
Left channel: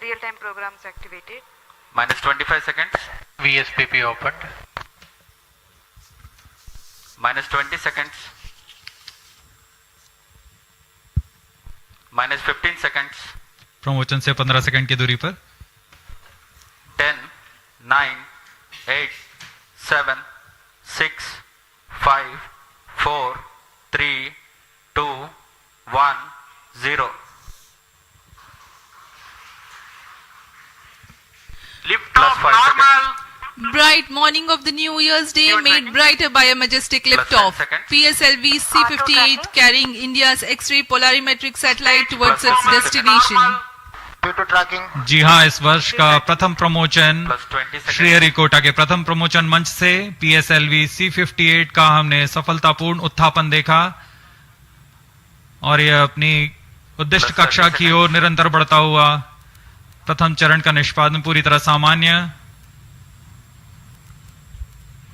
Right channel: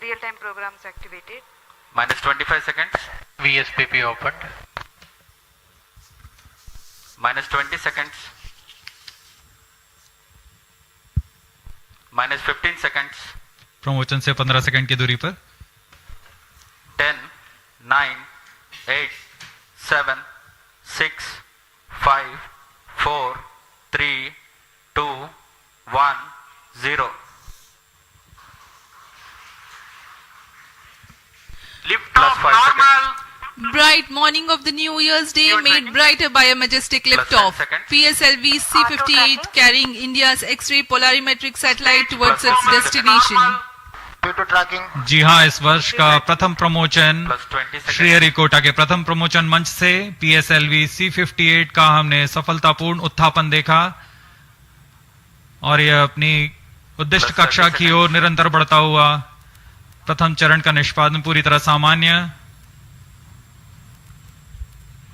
Real-time programs activated. Minus 25 seconds. VSPP opened. Minus 20 seconds. Minus 15 seconds. Promotion से 15 second की दूरी पर 10, 9, 8, 7, 6, 5, 4, 3, 2, 1, 0. Lift Plus off 5 normal. Bright morning of the New Year's Day made brighter by a majestic Plus liftoff. 10 seconds. PSLV-C58 carrying India's X-ray polarimetric satellite towards Plus its 10 destination. Due to tracking, जी हाँ, इस वर्ष का प्रथम promotion Plus 20 seconds. Sriharikota के प्रथम promotion मंच से PSLV-C58 का हमने सफलतापूर्ण उत्थापन देखा और यह अपनी उद्दिष्ट Plus 30 कक्षा की ओर निरंतर बढ़ता हुआ प्रथम चरण का निष्पादन पूरी तरह सामान्य.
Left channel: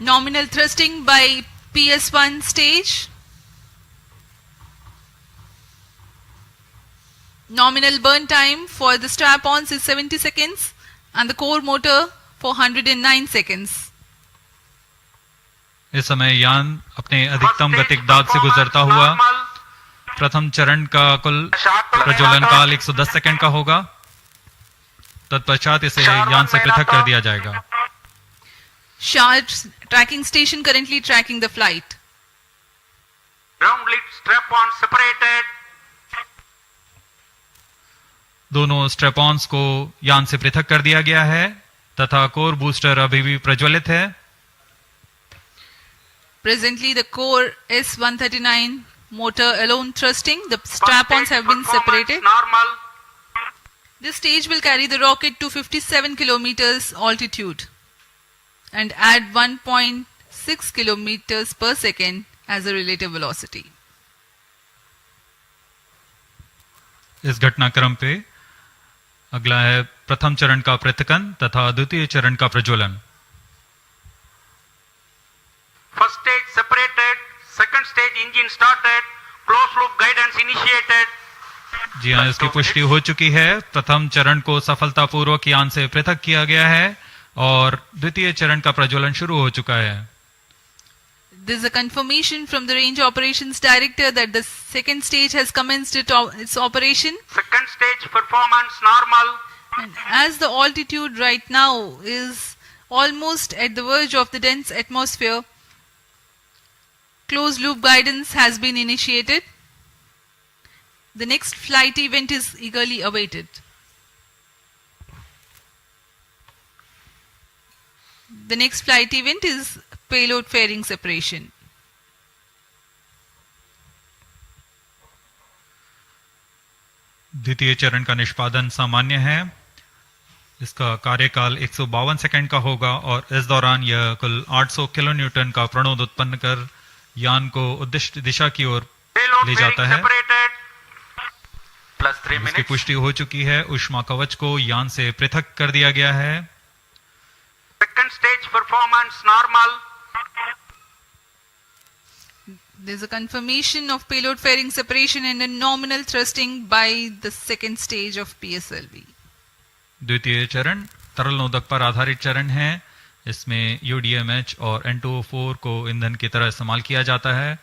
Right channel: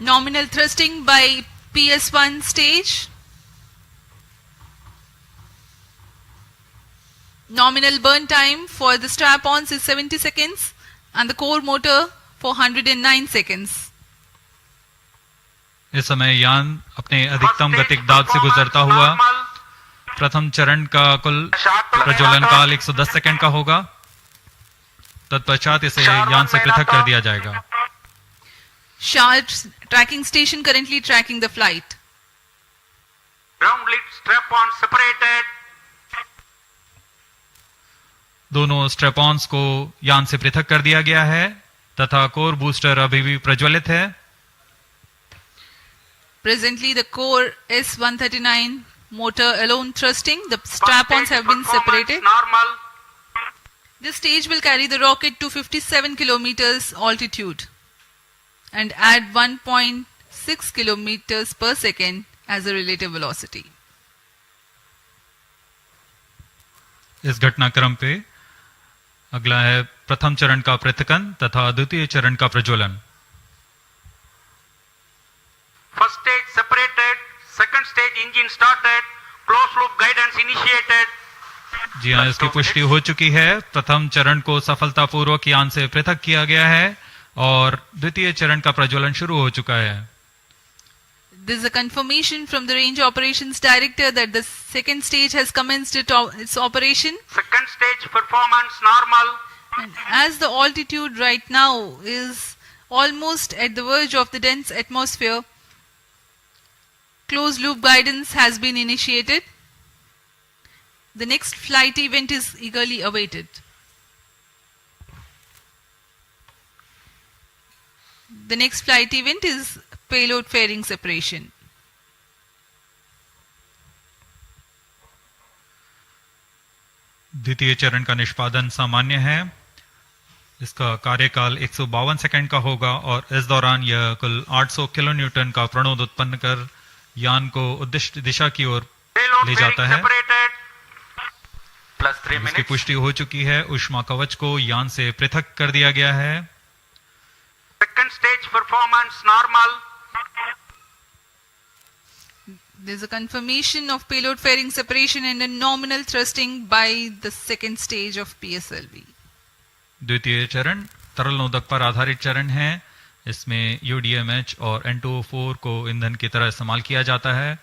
Nominal thrusting by PS1 stage. Nominal burn time for the strap-ons is 70 seconds and the core motor for 109 seconds. इस समय यान अपने अधिकतम गतिक दाब से गुजरता हुआ प्रथम चरण का कुल प्रज्वलन काल 110 सेकंड का होगा. तत्पश्चात इसे यान से पृथक कर दिया जाएगा. Sharp tracking station currently tracking the flight. Ground lit strap-on separated. दोनों स्ट्रेपॉन्स को यान से पृथक कर दिया गया है तथा कोर बूस्टर अभी भी प्रज्वलित है. Presently the core S139 motor alone thrusting. The strap-ons have been separated. Normal. This stage will carry the rocket to 57 kilometers altitude and add 1.6 kilometers per second as a relative velocity. इस घटनाक्रम पे अगला है प्रथम चरण का पृथकन तथा द्वितीय चरण का प्रज्वलन. First stage separated. Second stage engine started. Closed loop guidance initiated. जी हाँ, इसकी पुष्टि हो चुकी है. प्रथम चरण को सफलतापूर्वक यान से पृथक किया गया है और द्वितीय चरण का प्रज्वलन शुरू हो चुका है. This is a confirmation from the Range Operations Director that the second stage has commenced its operation. Second stage performance normal. And as the altitude right now is almost at the verge of the dense atmosphere, closed loop guidance has been initiated. The next flight event is eagerly awaited. The next flight event is payload fairing separation. द्वितीय चरण का निष्पादन सामान्य है. इसका कार्यकाल 152 second का होगा और इस दौरान यह कुल 800 किलो न्यूटन का प्रणोद उत्पन्न कर यान को उद्दिष्ट दिशा की ओर ले जाता है. Plus 3 इसकी minutes. पुष्टि हो चुकी है. ऊष्मा कवच को यान से पृथक कर दिया गया है. Second stage performance normal. There is a confirmation of payload fairing separation and a nominal thrusting by the second stage of PSLV. द्वितीय चरण तरल नोदक पर आधारित चरण है. इसमें UDMH और N2O4 को ईंधन की तरह इस्तेमाल किया जाता है.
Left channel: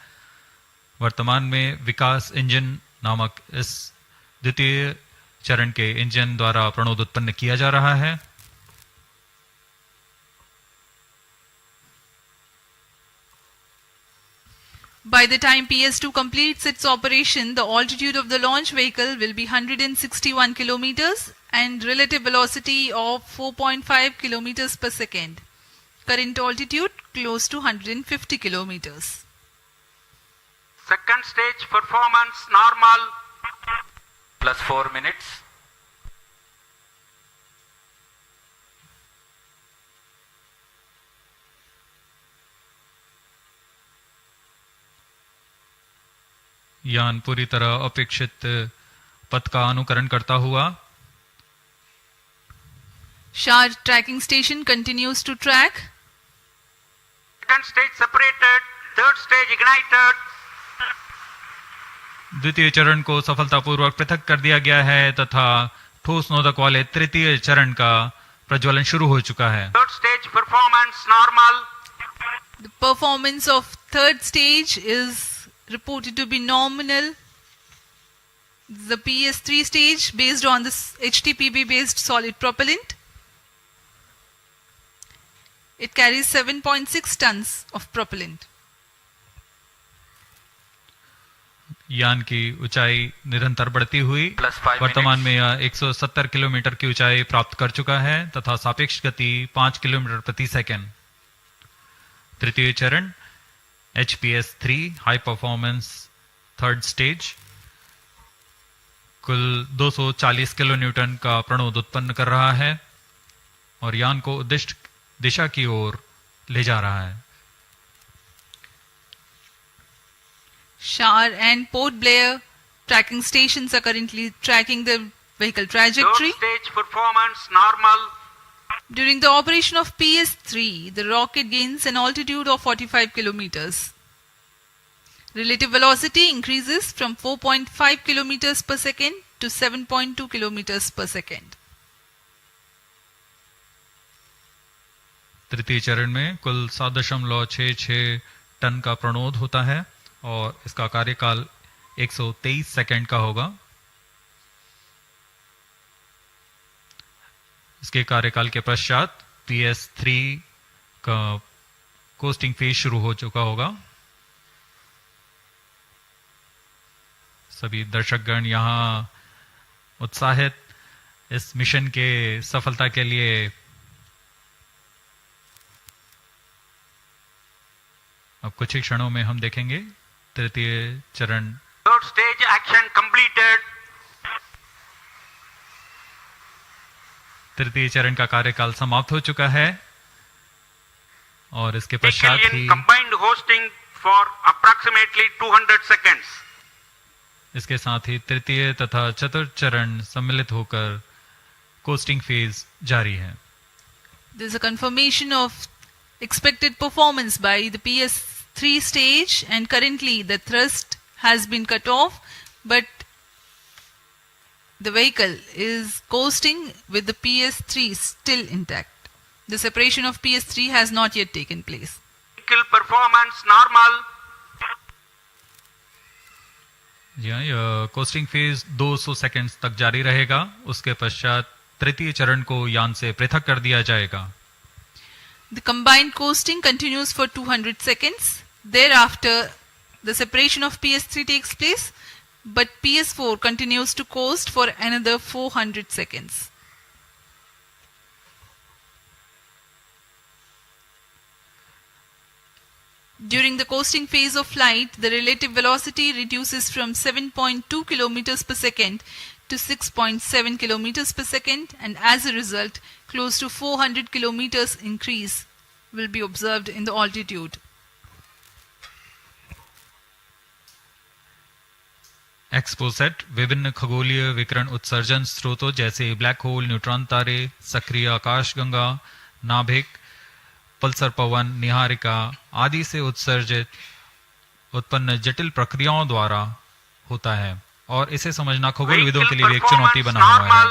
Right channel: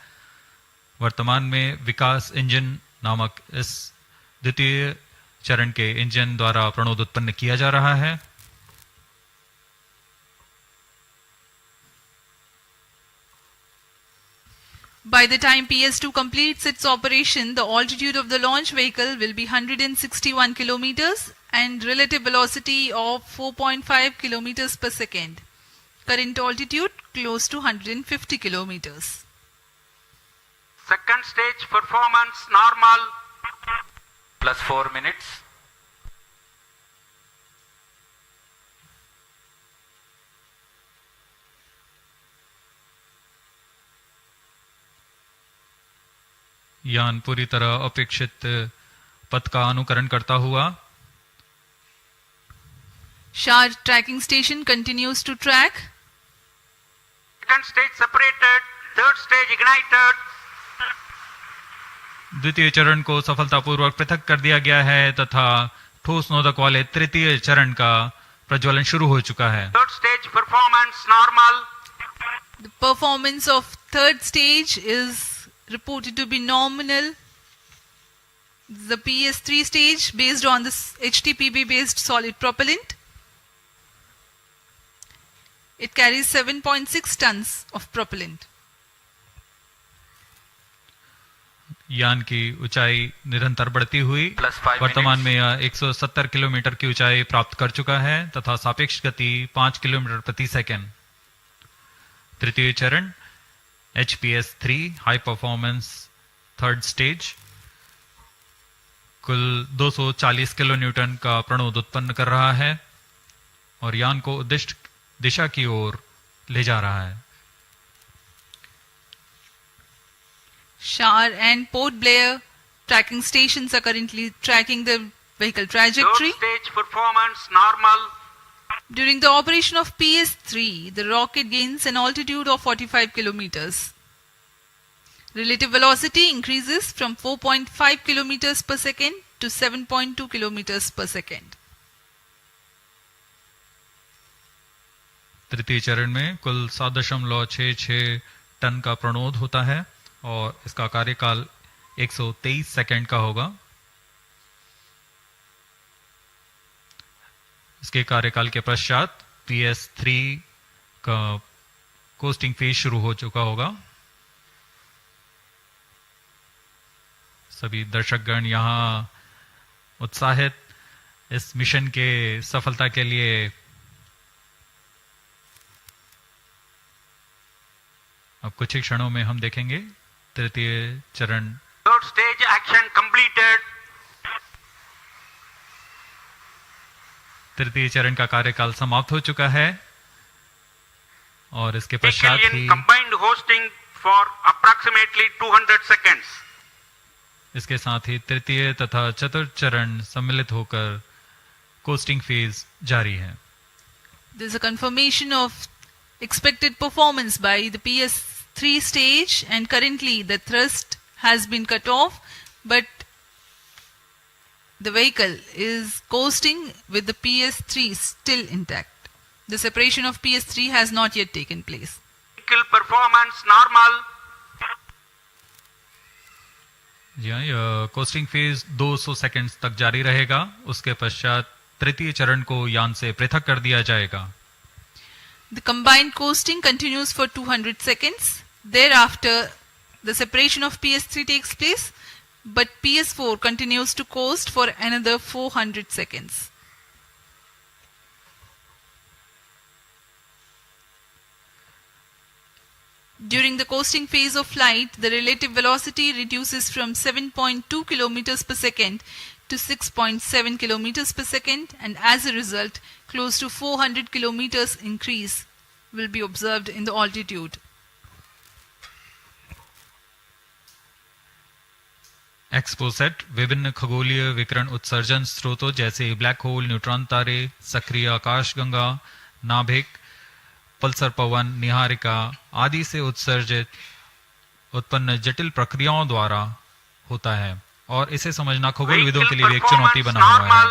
वर्तमान में विकास इंजन नामक इस द्वितीय चरण के इंजन द्वारा प्रणोद उत्पन्न किया जा रहा है. By the time PS2 completes its operation, the altitude of the launch vehicle will be 161 kilometers and relative velocity of 4.5 kilometers per second. Current altitude close to 150 kilometers. Second stage performance normal. Plus 4 minutes. यान पूरी तरह अपेक्षित पथ का अनुकरण करता हुआ Shah tracking station continues to track. Second stage separated, third stage ignited. द्वितीय चरण को सफलतापूर्वक पृथक कर दिया गया है तथा ठोस नोदक वाले तृतीय चरण का प्रज्वलन शुरू हो चुका है। Third stage performance normal. The performance of third stage is reported to be nominal. The PS3 stage based on this HTPB based solid propellant. It carries 7.6 tons of propellant. यान की ऊंचाई निरंतर बढ़ती हुई वर्तमान में यह 170 किलोमीटर की ऊंचाई प्राप्त कर चुका है तथा सापेक्ष गति 5 किलोमीटर प्रति सेकंड। तृतीय चरण HPS3 high performance third stage कुल 240 किलो न्यूटन का प्रणोद उत्पन्न कर रहा है और यान को उद्दिष्ट दिशा की ओर ले जा रहा है। Shah and Port Blair tracking stations are currently tracking the vehicle trajectory. Third stage performance normal. During the operation of PS3, the rocket gains an altitude of 45 kilometers. Relative velocity increases from 4.5 kilometers per second to 7.2 kilometers per second. तृतीय चरण में कुल 7.66 ton का प्रणोद होता है और इसका कार्यकाल 123 सेकंड का होगा। इसके कार्यकाल के पश्चात PS3 का कोस्टिंग फेज शुरू हो चुका होगा। सभी दर्शकगण यहां उत्साहित इस मिशन के सफलता के लिए अब कुछ ही क्षणों में हम देखेंगे तृतीय चरण। Third stage action completed. तृतीय चरण का कार्यकाल समाप्त हो चुका है और इसके पश्चात ही combined hosting for approximately 200 seconds. इसके साथ ही तृतीय तथा चतुर्थ चरण सम्मिलित होकर कोस्टिंग फेज जारी है। There is a confirmation of expected performance by the PS3 stage and currently the thrust has been cut off but the vehicle is coasting with the PS3 still intact. The separation of PS3 has not yet taken place. Vehicle performance normal. यह costing phase 200 seconds तक जारी रहेगा। उसके पश्चात तृतीय चरण को यान से पृथक कर दिया जाएगा। The combined coasting continues for 200 seconds. Thereafter, the separation of PS3 takes place, but PS4 continues to coast for another 400 seconds. During the coasting phase of flight, the relative velocity reduces from 7.2 kilometers per second to 6.7 kilometers per second, and as a result, close to 400 kilometers increase will be observed in the altitude. XPoSat विभिन्न खगोलीय विकिरण उत्सर्जन स्रोतों जैसे black hole, neutron तारे, सक्रिय आकाशगंगा, नाभिक, पल्सर पवन, निहारिका आदि से उत्सर्जित उत्पन्न जटिल प्रक्रियाओं द्वारा होता है और इसे समझना खगोलविदों के लिए भी एक चुनौती बना हुआ है।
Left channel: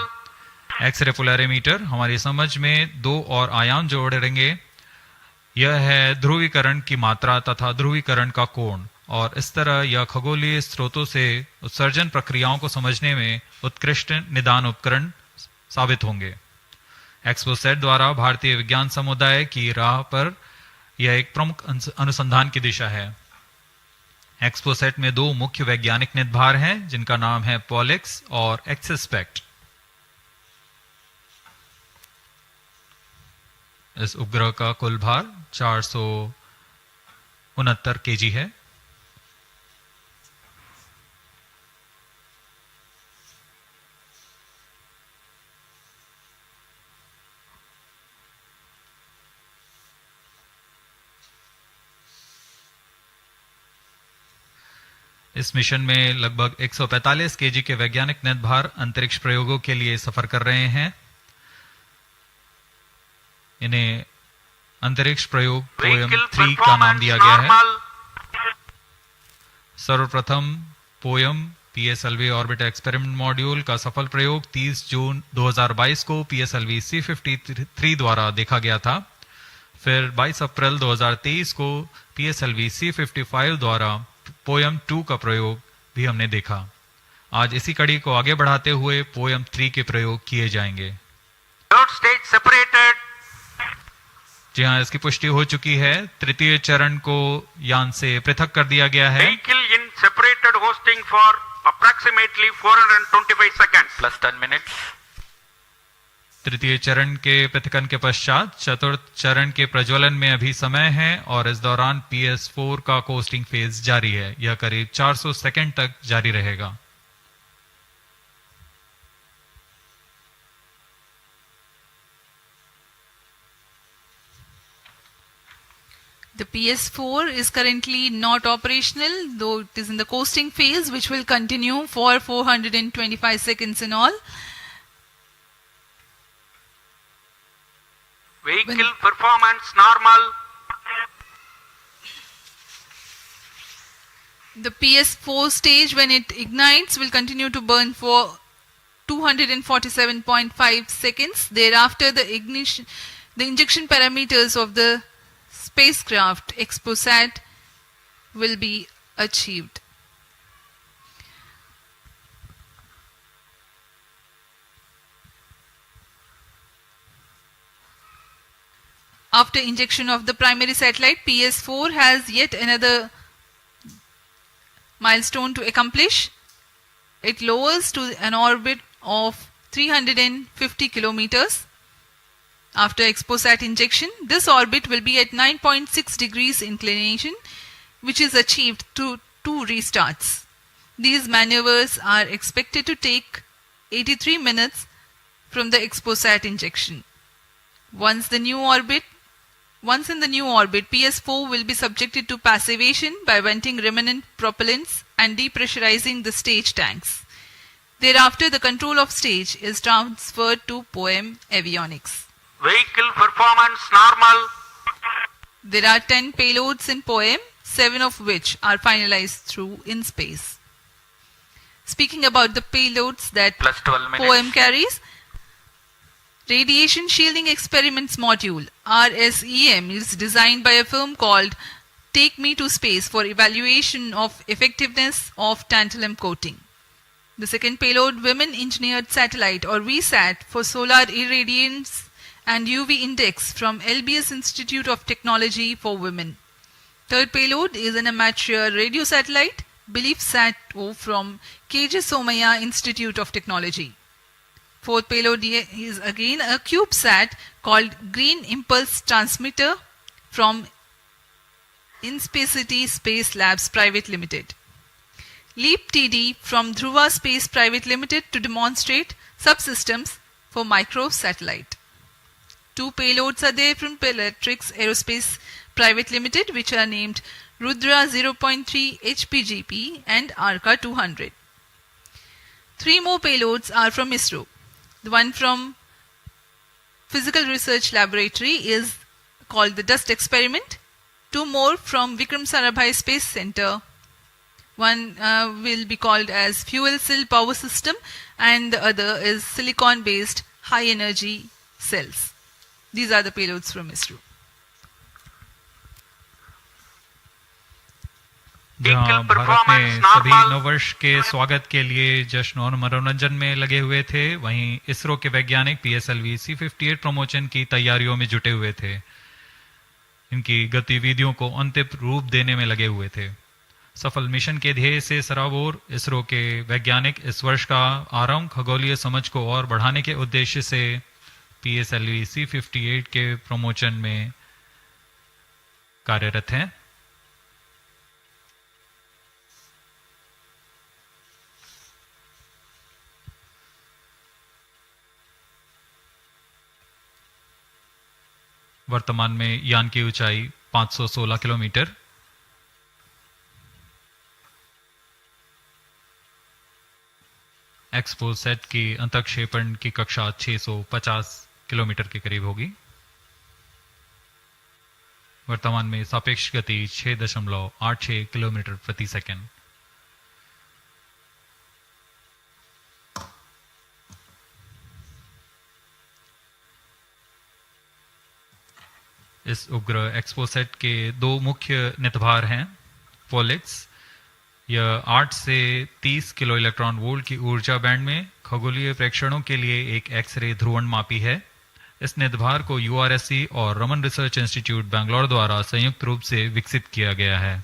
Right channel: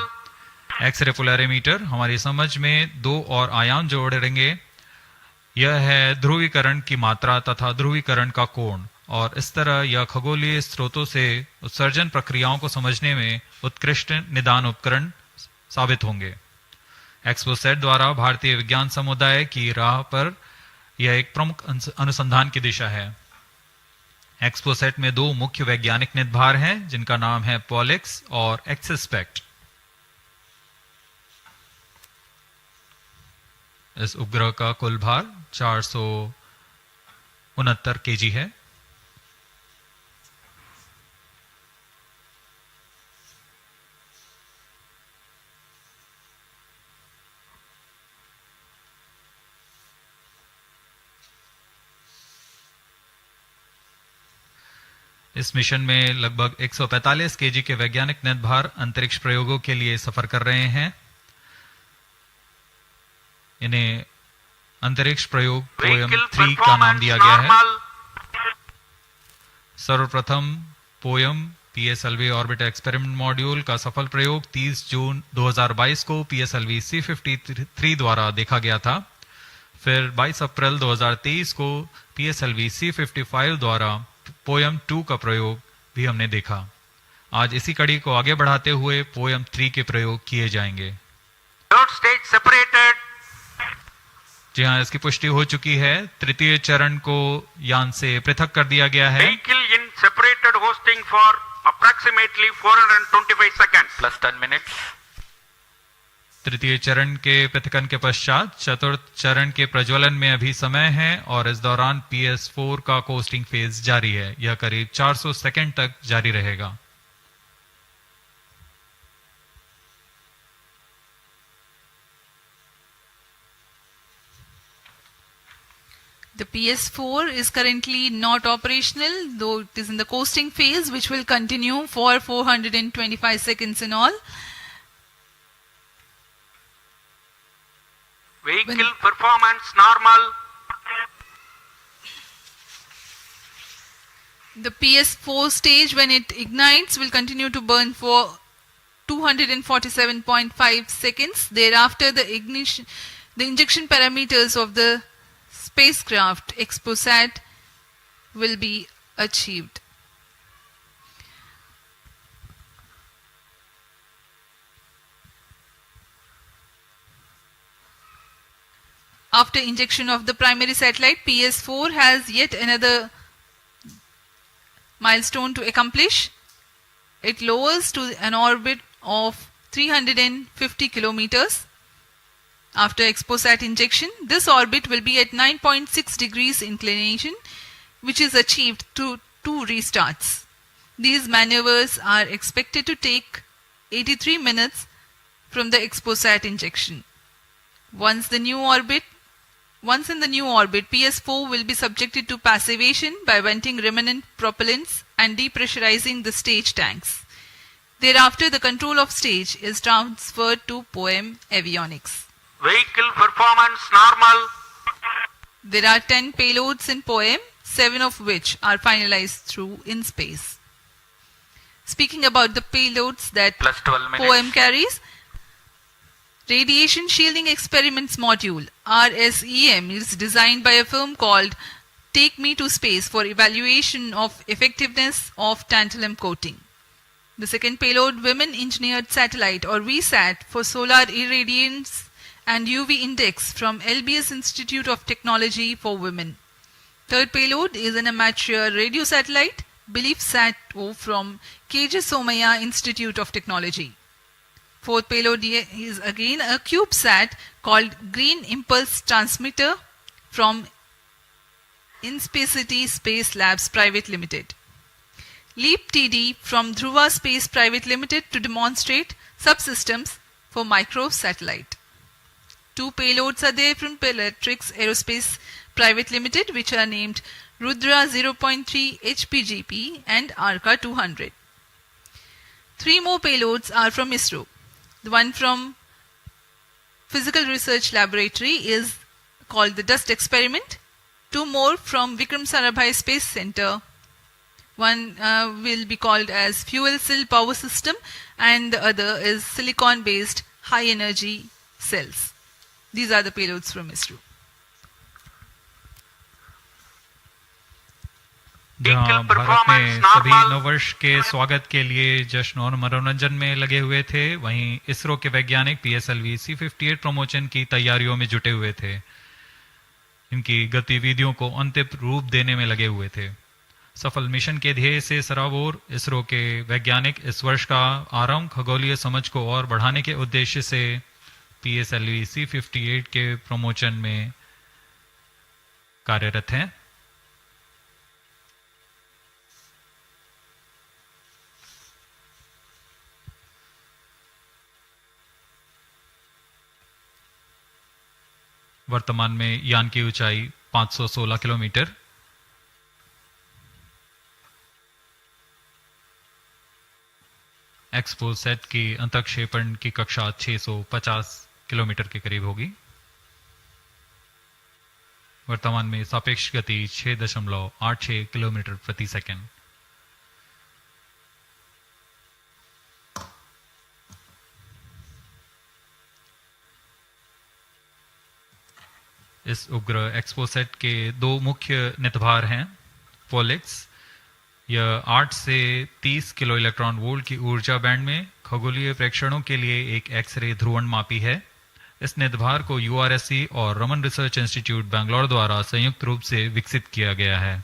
एक्सरे पोलैरिमीटर हमारी समझ में दो और आयाम जोड़ेंगे। यह है ध्रुवीकरण की मात्रा तथा ध्रुवीकरण का कोण और इस तरह यह खगोलीय स्रोतों से उत्सर्जन प्रक्रियाओं को समझने में उत्कृष्ट निदान उपकरण साबित होंगे। एक्सपोसेट द्वारा भारतीय विज्ञान समुदाय की राह पर यह एक प्रमुख अनुसंधान की दिशा है। एक्सपोसेट में दो मुख्य वैज्ञानिक निदभार हैं जिनका नाम है पॉलिक्स और एक्सस्पेक्ट। इस उपग्रह का कुल भार 469 केजी है। इस मिशन में लगभग 145 केजी के वैज्ञानिक निर्भर अंतरिक्ष प्रयोगों के लिए सफर कर रहे हैं। इन्हें अंतरिक्ष प्रयोग पोएम 3 का नाम दिया गया है। सर्वप्रथम poem PSLV orbit experiment module का सफल प्रयोग 30 जून 2022 को PSLV-C53 द्वारा देखा गया था। फिर 22 अप्रैल 2023 को PSLV-C55 द्वारा पोएम 2 का प्रयोग भी हमने देखा। आज इसी कड़ी को आगे बढ़ाते हुए पोएम 3 के प्रयोग किए जाएंगे। जी हाँ, इसकी पुष्टि हो चुकी है। तृतीय चरण को यान से पृथक कर दिया गया है। Vehicle in separated hosting for approximately 425 seconds plus 10 minutes. तृतीय चरण के पृथकन के पश्चात चतुर्थ चरण के प्रज्वलन में अभी समय है और इस दौरान PS4 का कोस्टिंग फेज जारी है। यह करीब 400 सेकंड तक जारी रहेगा। The PS4 is currently not operational, though it is in the coasting phase, which will continue for 425 seconds in all. Vehicle performance normal. The PS4 stage, when it ignites, will continue to burn for 247.5 seconds. Thereafter, the injection parameters of the spacecraft XPoSat will be achieved. After injection of the primary satellite, PS4 has yet another milestone to accomplish. It lowers to an orbit of 350 kilometers. After XPoSat injection, this orbit will be at 9.6 degrees inclination, which is achieved through 2 restarts. These maneuvers are expected to take 83 minutes from the XPoSat injection. Once in the new orbit, PS4 will be subjected to passivation by venting remnant propellants and depressurizing the stage tanks. Thereafter, the control of stage is transferred to POEM avionics. Vehicle performance normal. There are 10 payloads in POEM, 7 of which are finalized through in space. Speaking about the payloads that POEM carries, Radiation Shielding Experiments Module RSEM is designed by a firm called Take Me to Space for evaluation of effectiveness of tantalum coating. The second payload, Women Engineered Satellite or VSAT for solar irradiance and UV index from LBS Institute of Technology for Women. Third payload is an amateur radio satellite, BeliefSat-O from KJ Somaya Institute of Technology. Fourth payload is again a CubeSat called Green Impulse Transmitter from Inspacity Space Labs Private Limited. LEAP TD from Dhruva Space Private Limited to demonstrate subsystems for microsatellite. 2 payloads are there from Peletrix Aerospace Private Limited, which are named Rudra 0.3 HPGP and Arca 200. 3 more payloads are from ISRO. The one from Physical Research Laboratory is called the Dust Experiment. 2 more from Vikram Sarabhai Space Center. One will be called as Fuel Cell Power System and the other is Silicon Based High Energy Cells. These are the payloads from ISRO. जहां भारत में सभी नववर्ष के स्वागत के लिए जश्न और मनोरंजन में लगे हुए थे, वहीं इसरो के वैज्ञानिक PSLV-C58 प्रमोशन की तैयारियों में जुटे हुए थे। इनकी गतिविधियों को अंतिम रूप देने में लगे हुए थे। सफल मिशन के ध्येय से सराबोर इसरो के वैज्ञानिक इस वर्ष का आरंभ खगोलीय समझ को और बढ़ाने के उद्देश्य से PSLV-C58 के प्रमोशन में कार्यरत हैं। वर्तमान में यान की ऊंचाई 516 किलोमीटर, एक्सपोसैट की अंतक्षेपण की कक्षा 650 किलोमीटर के करीब होगी। वर्तमान में सापेक्ष गति 6.86 किलोमीटर प्रति सेकंड। इस उपग्रह एक्सपोसैट के दो मुख्य नितभार हैं। पोलिक्स, यह 8 से 30 किलो इलेक्ट्रॉन वोल्ट की ऊर्जा बैंड में खगोलीय प्रेक्षणों के लिए एक एक्सरे ध्रुवणमापी है। इस नितभार को यूआरएससी और रमन रिसर्च इंस्टीट्यूट बैंगलोर द्वारा संयुक्त रूप से विकसित किया गया है।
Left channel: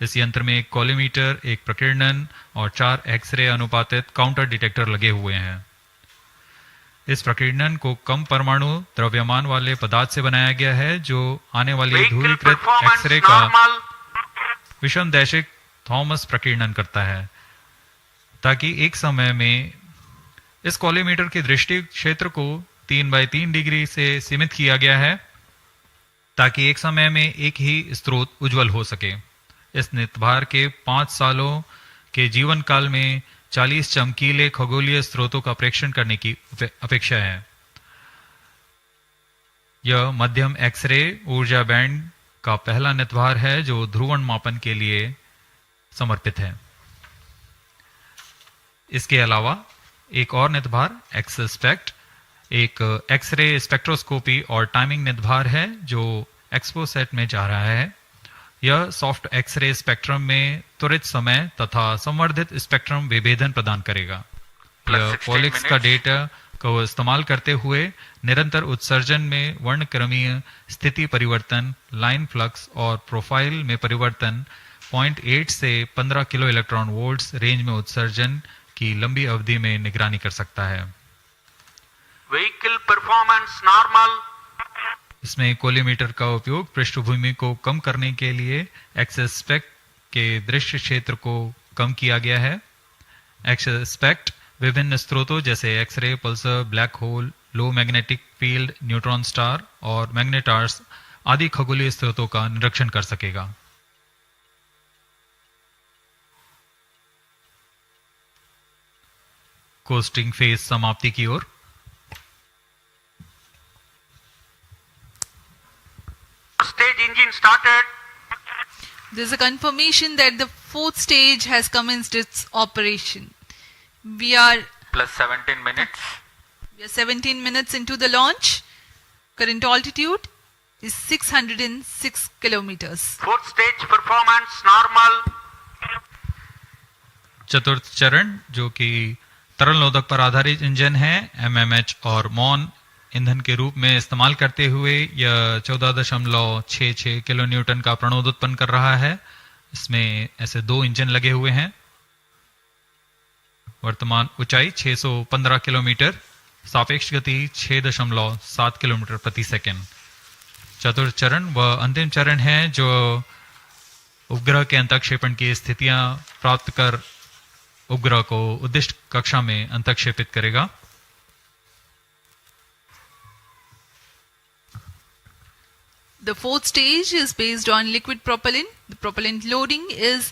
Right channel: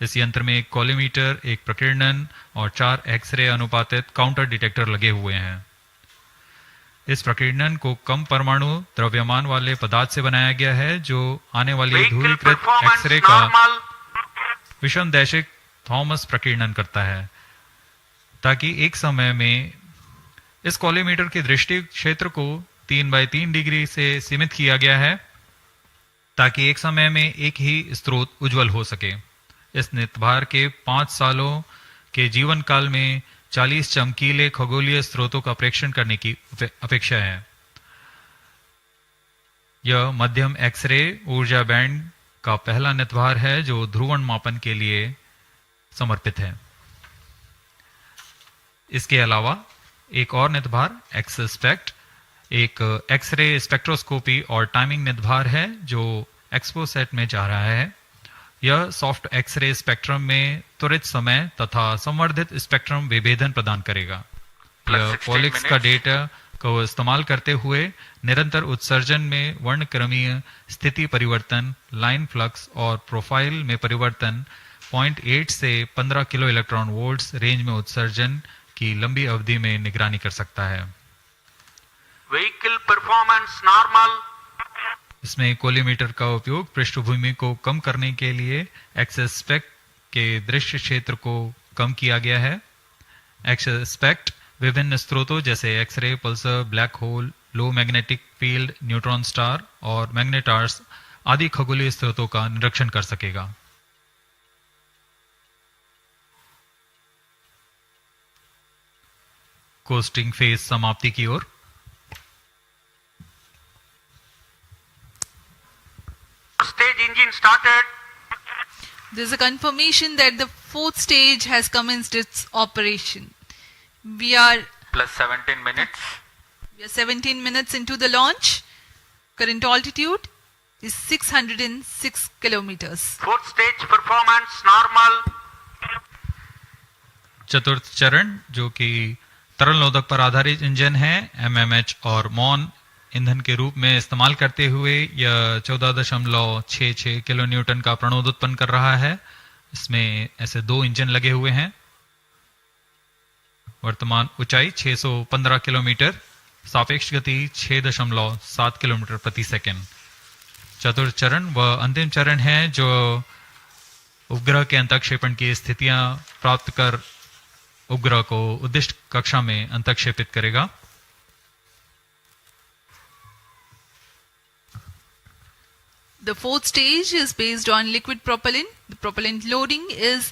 इस यंत्र में एक कॉलीमीटर, एक प्रकीर्णन और 4 एक्सरे अनुपातित काउंटर डिटेक्टर लगे हुए हैं। इस प्रकीर्णन को कम परमाणु द्रव्यमान वाले पदार्थ से बनाया गया है, जो आने वाली ध्रुवीकृत एक्सरे का विषमदैशिक थॉमस प्रकीर्णन करता है, ताकि एक समय में इस कॉलीमीटर के दृष्टि क्षेत्र को 3x3 डिग्री से सीमित किया गया है, ताकि एक समय में एक ही स्रोत उज्जवल हो सके। इस नितभार के 5 सालों के जीवन काल में 40 चमकीले खगोलीय स्रोतों का प्रेक्षण करने की अपेक्षा है। यह मध्यम एक्सरे ऊर्जा बैंड का पहला नितभार है जो ध्रुवण मापन के लिए समर्पित है। इसके अलावा एक और नितभार एक्सस्पेक्ट एक एक्सरे स्पेक्ट्रोस्कोपी और टाइमिंग नितभार है जो एक्सपोसैट में जा रहा है। यह सॉफ्ट एक्सरे स्पेक्ट्रम में त्वरित समय तथा संवर्धित स्पेक्ट्रम विभेदन प्रदान करेगा। यह पॉलिक्स का डेटा को इस्तेमाल करते हुए निरंतर उत्सर्जन में वर्णक्रमीय स्थिति परिवर्तन, लाइन फ्लक्स और प्रोफाइल में परिवर्तन, 0.8 से 15 किलो इलेक्ट्रॉन वोल्ट्स रेंज में उत्सर्जन की लंबी अवधि में निगरानी कर सकता है। Vehicle performance normal. इसमें कोलीमीटर का उपयोग पृष्ठभूमि को कम करने के लिए एक्सस्पेक्ट के दृश्य क्षेत्र को कम किया गया है। एक्सस्पेक्ट विभिन्न स्रोतों जैसे एक्सरे, पल्सर, ब्लैक होल, लो मैग्नेटिक फील्ड, न्यूट्रॉन स्टार और मैग्नेटार्स आदि खगोलीय स्रोतों का निरीक्षण कर सकेगा। कोस्टिंग फेज समाप्ति की ओर। Stage engine started. There's a confirmation that the 4th stage has commenced its operation. We are plus 17 minutes. We are 17 minutes into the launch. Current altitude is 606 kilometers. 4th stage performance normal. चतुर्थ चरण जो कि तरल नोदक पर आधारित engine है, MMH और मॉन ईंधन के रूप में इस्तेमाल करते हुए यह 14.66 किलो न्यूटन का प्रणोद उत्पन्न कर रहा है। इसमें ऐसे 2 इंजन लगे हुए हैं। वर्तमान ऊंचाई 615 किलोमीटर, सापेक्ष गति 6.7 किलोमीटर प्रति सेकंड। चतुर्थ चरण वह अंतिम चरण है जो उपग्रह के अंतक्षेपण की स्थितियां प्राप्त कर उपग्रह को उद्दिष्ट कक्षा में अंतक्षेपित करेगा। The 4th stage is based on liquid propellant. The propellant loading is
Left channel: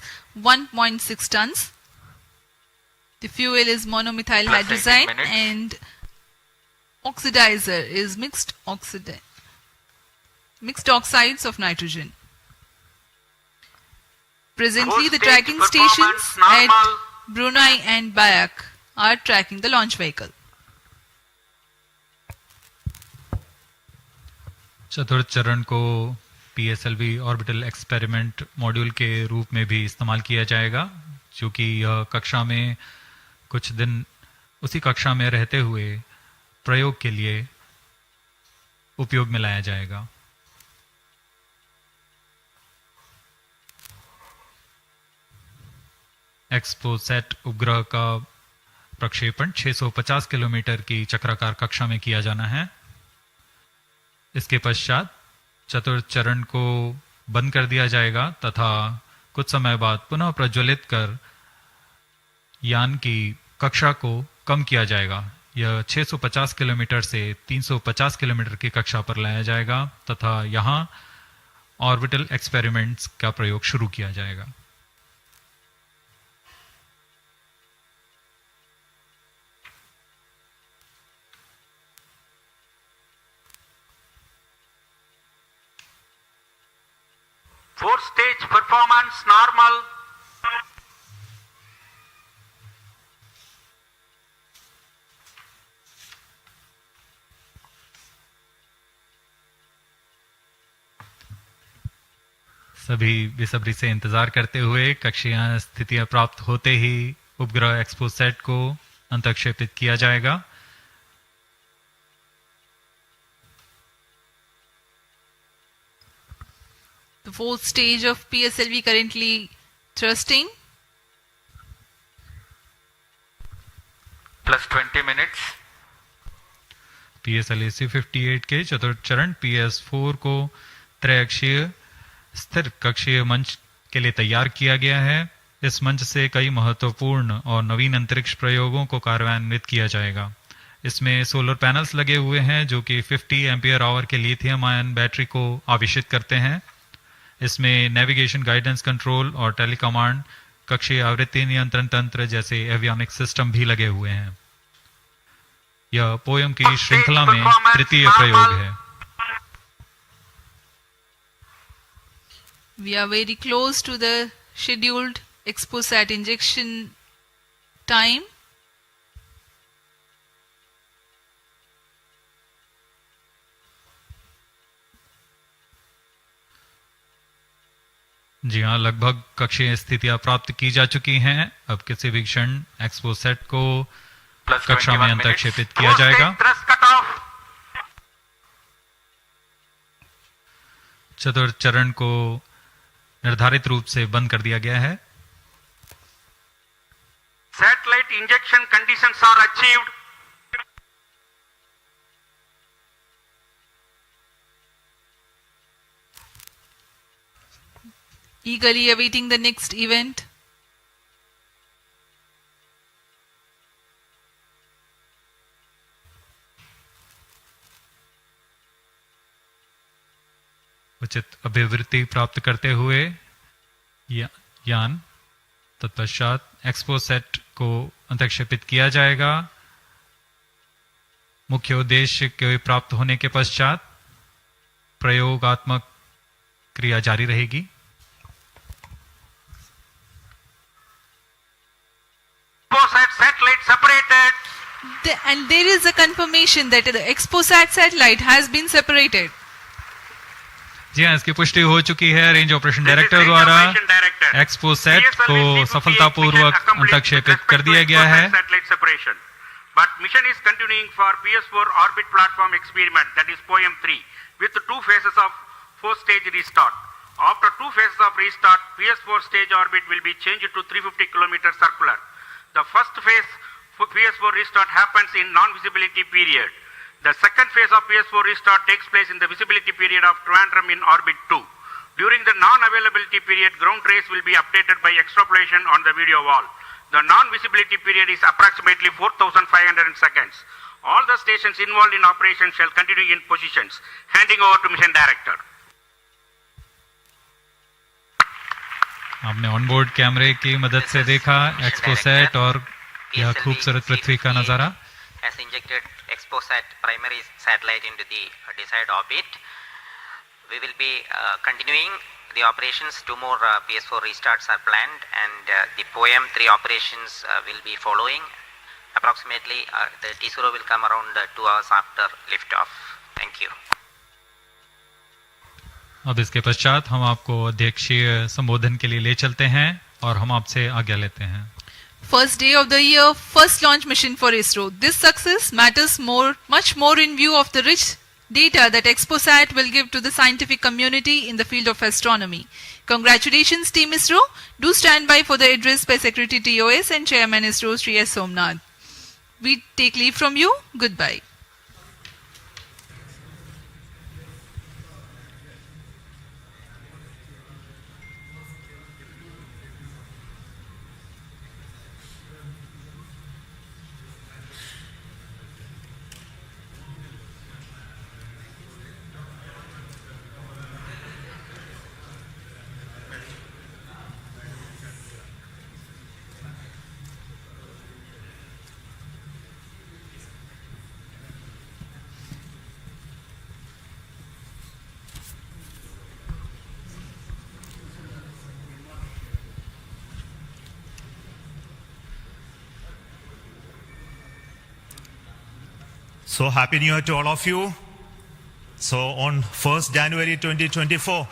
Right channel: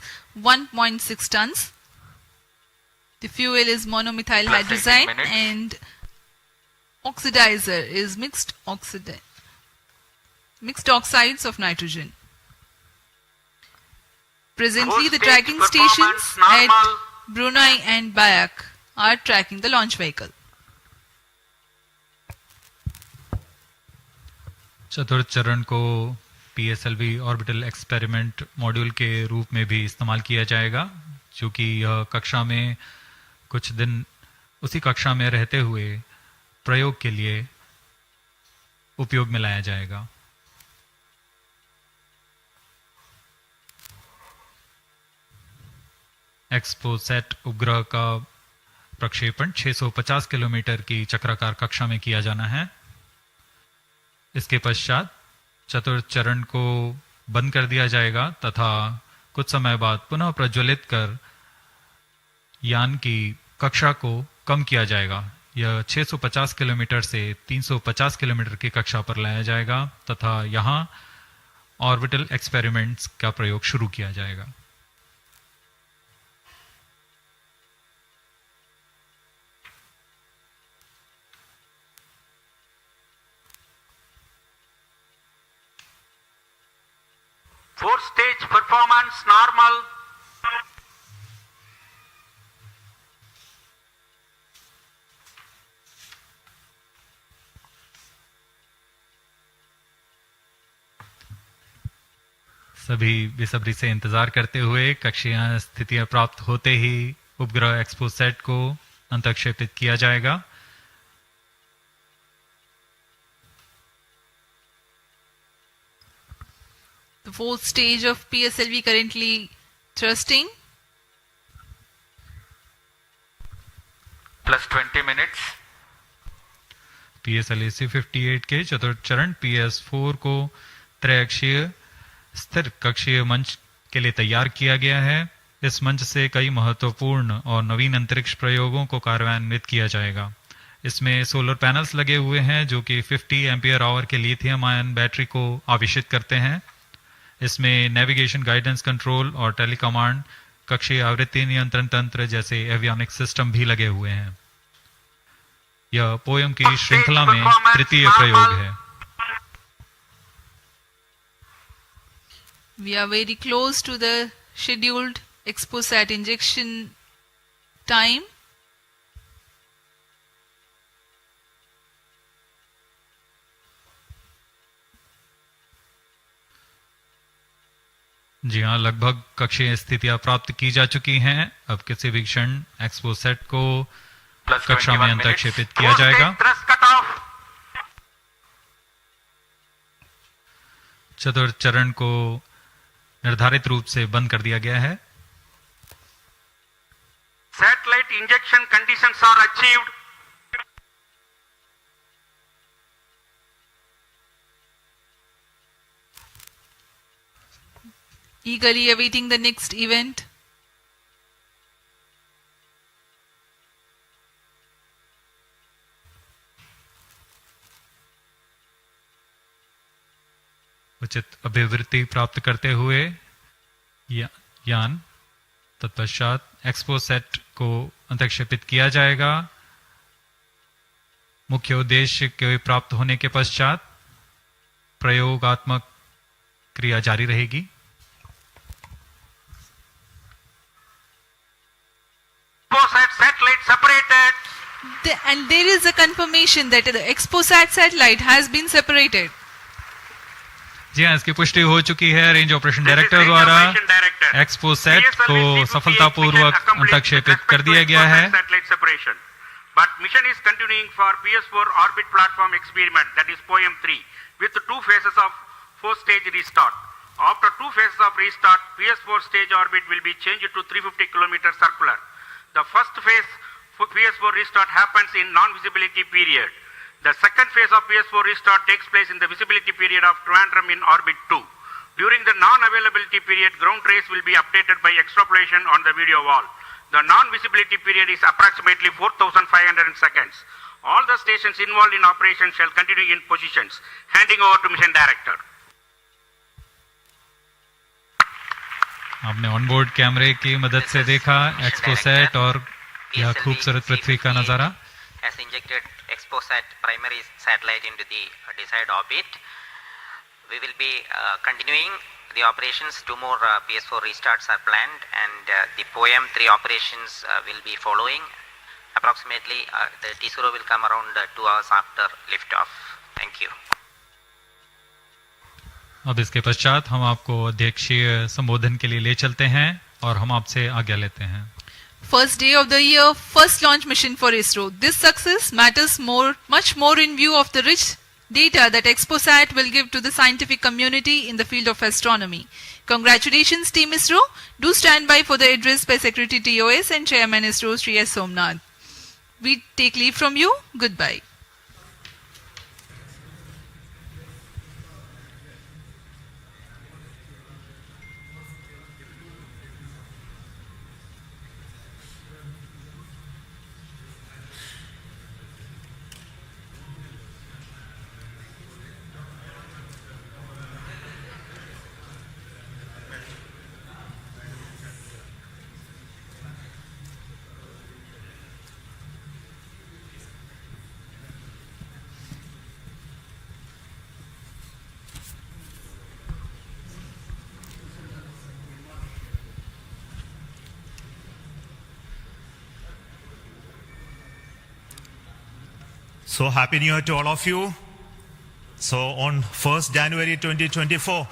1.6 tons. The fuel is monomethyl hydrazine and oxidizer is mixed oxides of nitrogen. Presently, the tracking stations at Brunei and Bayak are tracking the launch vehicle. चतुर्थ चरण को PSLV orbital experiment module के रूप में भी इस्तेमाल किया जाएगा, चूंकि यह कक्षा में कुछ दिन उसी कक्षा में रहते हुए प्रयोग के लिए उपयोग में लाया जाएगा। एक्सपोसैट उपग्रह का प्रक्षेपण 650 किलोमीटर की चक्राकार कक्षा में किया जाना है। इसके पश्चात चतुर्थ चरण को बंद कर दिया जाएगा तथा कुछ समय बाद पुनः प्रज्वलित कर यान की कक्षा को कम किया जाएगा। यह 650 किलोमीटर से 350 किलोमीटर की कक्षा पर लाया जाएगा तथा यहां ऑर्बिटल एक्सपेरिमेंट्स का प्रयोग शुरू किया जाएगा। 4-stage performance normal. सभी बेसब्री से इंतजार करते हुए कक्षीय स्थितियां प्राप्त होते ही उपग्रह एक्सपोसैट को अंतक्षेपित किया जाएगा। The fourth stage of PSLV currently thrusting. Plus 20 minutes. PSLV-C58 के चतुर्थ चरण PS4 को त्रैअक्षीय स्थिर कक्षीय मंच के लिए तैयार किया गया है। इस मंच से कई महत्वपूर्ण और नवीन अंतरिक्ष प्रयोगों को कार्यान्वित किया जाएगा। इसमें सोलर पैनल्स लगे हुए हैं जो कि 50 एम्पियर आवर के लिथियम आयन बैटरी को आवेशित करते हैं। इसमें नेविगेशन गाइडेंस कंट्रोल और टेलीकमांड कक्षीय आवृत्ति नियंत्रण तंत्र जैसे एवियोनिक सिस्टम भी लगे हुए हैं। यह पोयम की श्रृंखला में तृतीय प्रयोग है। We are very close to the scheduled XPoSat injection time. जी हाँ, लगभग कक्षीय स्थितियां प्राप्त की जा चुकी हैं। अब किसी भी क्षण एक्सपोसैट को कक्षा में अंतक्षेपित किया जाएगा। चतुर्थ चरण को निर्धारित रूप से बंद कर दिया गया है। Satellite injection conditions are achieved. Eagerly awaiting the next event. उचित अभिवृत्ति प्राप्त करते हुए यान तत्पश्चात एक्सपोसैट को अंतक्षेपित किया जाएगा। मुख्य उद्देश्य के प्राप्त होने के पश्चात प्रयोगात्मक क्रिया जारी रहेगी। Satellite separated. And there is a confirmation that the XPoSat satellite has been separated. जी हाँ, इसकी पुष्टि हो चुकी है रेंज ऑपरेशन डायरेक्टर द्वारा। एक्सपोसैट को सफलतापूर्वक अंतक्षेपित कर दिया गया है। But mission is continuing for PS4 orbit platform experiment, that is POEM 3, with 2 phases of 4-stage restart. After 2 phases of restart, PS4 stage orbit will be changed to 350 km circular. The first phase for PS4 restart happens in non-visibility period. The second phase of PS4 restart takes place in the visibility period of Trivandrum in orbit 2. During the non-availability period, ground trace will be updated by extrapolation on the video wall. The non-visibility period is approximately 4,500 seconds. All the stations involved in operation shall continue in positions. Handing over to Mission Director. आपने onboard कैमरे की मदद से देखा XPoSat और यह खूबसूरत पृथ्वी का नजारा। Has injected XPoSat primary satellite into the desired orbit. We will be continuing the operations. 2 more PS4 restarts are planned, and the POEM 3 operations will be following. Approximately, the ISRO will come around 2 hours after liftoff. Thank you. अब इसके पश्चात हम आपको अध्यक्षीय संबोधन के लिए ले चलते हैं और हम आपसे आज्ञा लेते हैं। First day of the year, first launch mission for ISRO. This success matters much more in view of the rich data that XPoSat will give to the scientific community in the field of astronomy. Congratulations, Team ISRO. Do stand by for the address by Secretary TOS and Chairman ISRO, Sri S. Somnath. We take leave from you. Goodbye. So happy New Year to all of you. So on 1st January 2024,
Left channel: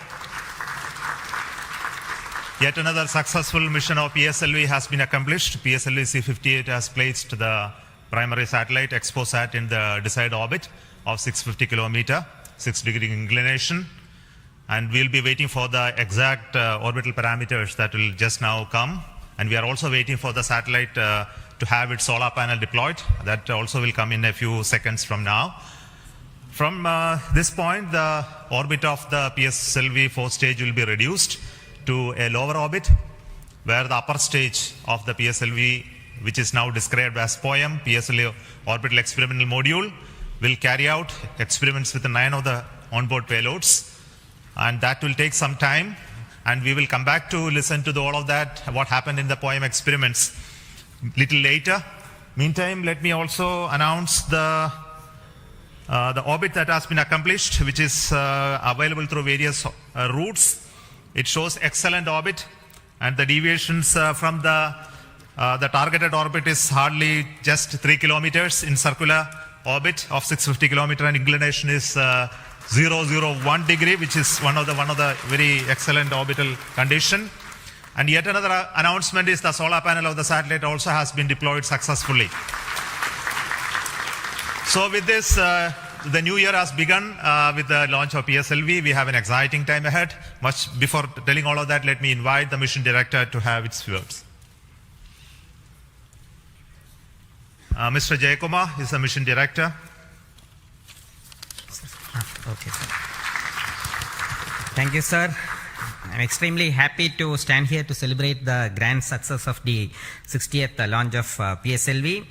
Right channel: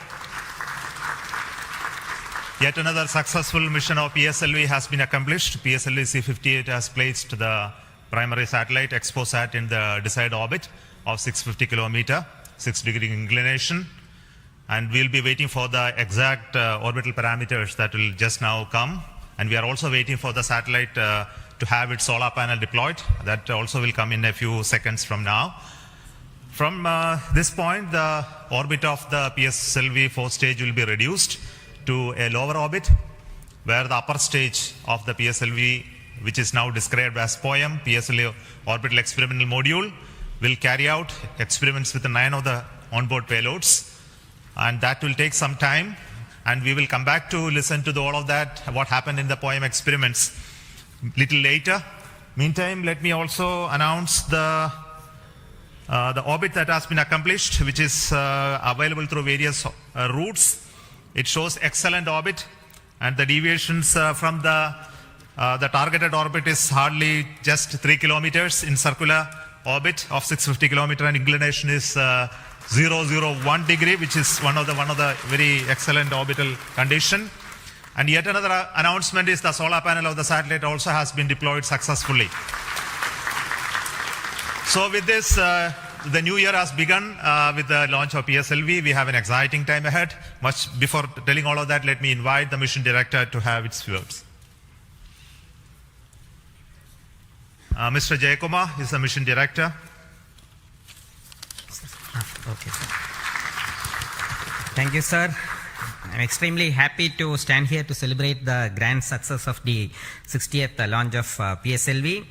yet another successful mission of PSLV has been accomplished. PSLV-C58 has placed the primary satellite XPoSat in the desired orbit of 650 kilometer, 6-degree inclination. And we'll be waiting for the exact orbital parameters that will just now come. And we are also waiting for the satellite to have its solar panel deployed. That also will come in a few seconds from now. From this point, the orbit of the PSLV 4th stage will be reduced to a lower orbit, where the upper stage of the PSLV, which is now described as POEM, PSLV Orbital Experimental Module, will carry out experiments with 9 of the onboard payloads. And that will take some time, and we will come back to listen to all of that, what happened in the POEM experiments little later. Meantime, let me also announce the orbit that has been accomplished, which is available through various routes. It shows excellent orbit, and the deviations from the targeted orbit is hardly just 3 kilometers in circular orbit of 650 kilometer, and inclination is 001 degree, which is one of the very excellent orbital condition. And yet another announcement is the solar panel of the satellite also has been deployed successfully. So with this, the new year has begun with the launch of PSLV. We have an exciting time ahead. Much before telling all of that, let me invite the mission director to have its words. Mr. Jayakumar is the mission director. Okay. Thank you, sir. I'm extremely happy to stand here to celebrate the grand success of the 60th launch of PSLV.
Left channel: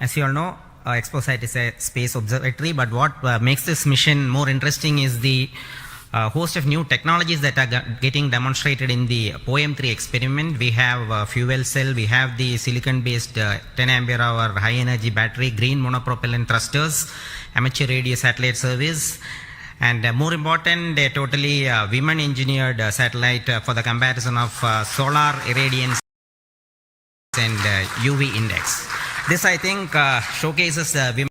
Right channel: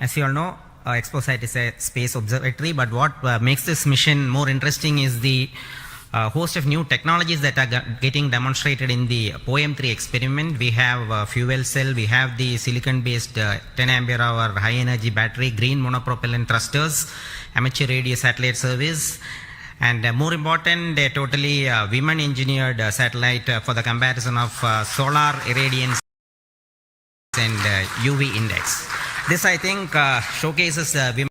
As you all know, XPoSat is a space observatory, but what makes this mission more interesting is the host of new technologies that are getting demonstrated in the POEM-3 experiment. We have fuel cell, we have the silicon-based 10 ampere hour high energy battery, green monopropellant thrusters, amateur radio satellite service, and more important, a totally women engineered satellite for the comparison of solar irradiance and UV index. This, I think, showcases women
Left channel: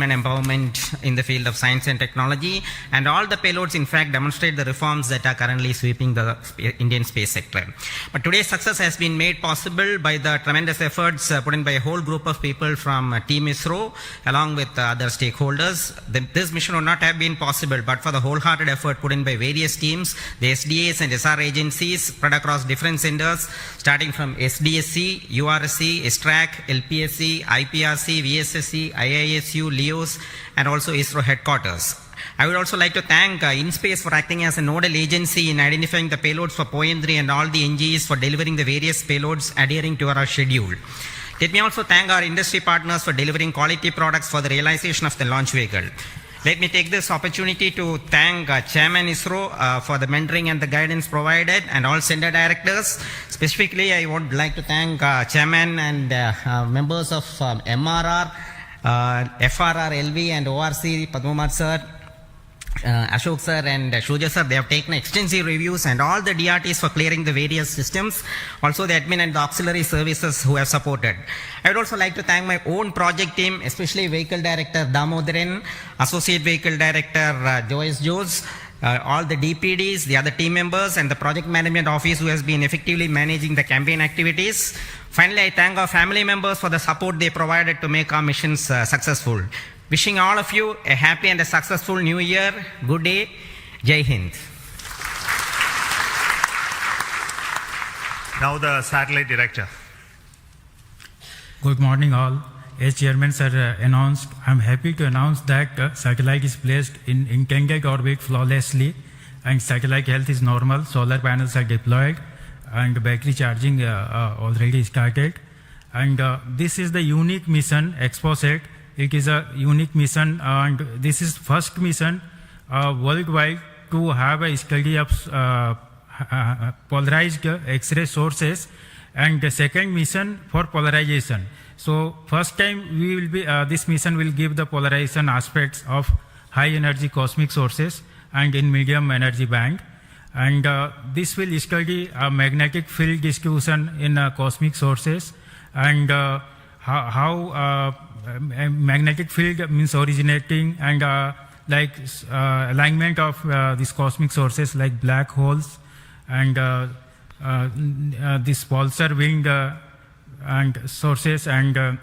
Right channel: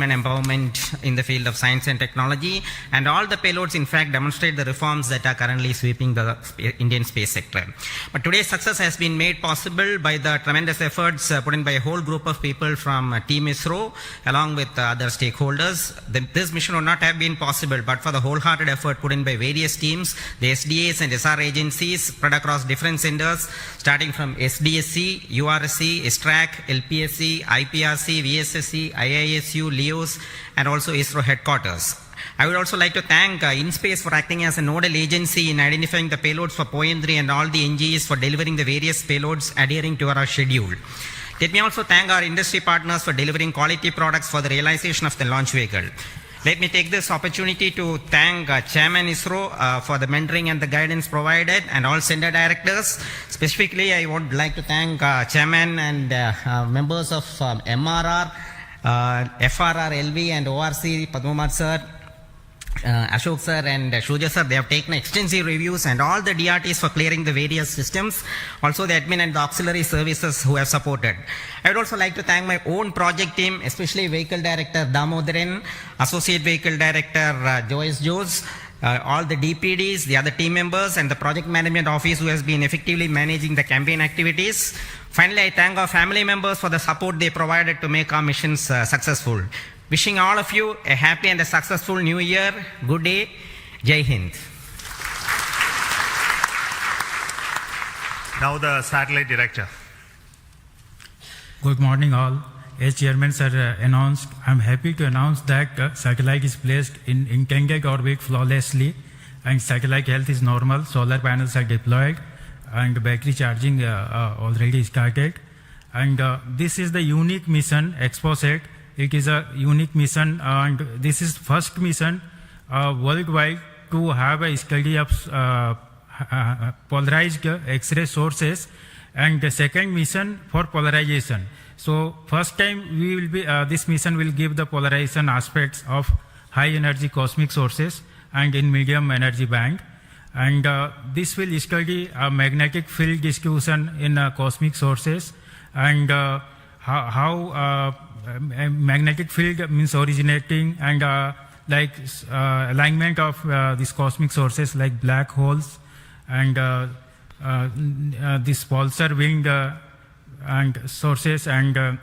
empowerment in the field of science and technology, and all the payloads in fact demonstrate the reforms that are currently sweeping the Indian space sector. But today's success has been made possible by the tremendous efforts put in by a whole group of people from Team ISRO along with other stakeholders. This mission would not have been possible but for the wholehearted effort put in by various teams, the SDAs and SR agencies spread across different centers, starting from SDSC, URSC, ISTRAC, LPSC, IPRC, VSSC, IISU, LEOS, and also ISRO headquarters. I would also like to thank InSpace for acting as a nodal agency in identifying the payloads for POEM-3 and all the NGEs for delivering the various payloads adhering to our schedule. Let me also thank our industry partners for delivering quality products for the realization of the launch vehicle. Let me take this opportunity to thank Chairman ISRO for the mentoring and the guidance provided, and all center directors. Specifically, I would like to thank Chairman and members of MRR, FRR, LV and ORC, Padmamar sir, Ashok sir and Shuja sir. They have taken extensive reviews, and all the DRTs for clearing the various systems, also the admin and the auxiliary services who have supported. I would also like to thank my own project team, especially Vehicle Director Damodaran, Associate Vehicle Director Joyce Joes, all the DPDs, the other team members, and the Project Management Office who has been effectively managing the campaign activities. Finally, I thank our family members for the support they provided to make our missions successful. Wishing all of you a happy and a successful new year. Good day. Jai Hind. Now the satellite director. Good morning all. As Chairman sir announced, I am happy to announce that satellite is placed in intended orbit flawlessly, and satellite health is normal, solar panels are deployed, and battery charging already started. And this is the unique mission, XPoSat. It is a unique mission, and this is first mission worldwide to have a study of polarized X-ray sources, and the second mission for polarization. So first time we will be this mission will give the polarization aspects of high energy cosmic sources and in medium energy band. And this will study magnetic field distribution in cosmic sources and how magnetic field means originating and alignment of these cosmic sources like black holes and this pulsar wind and sources and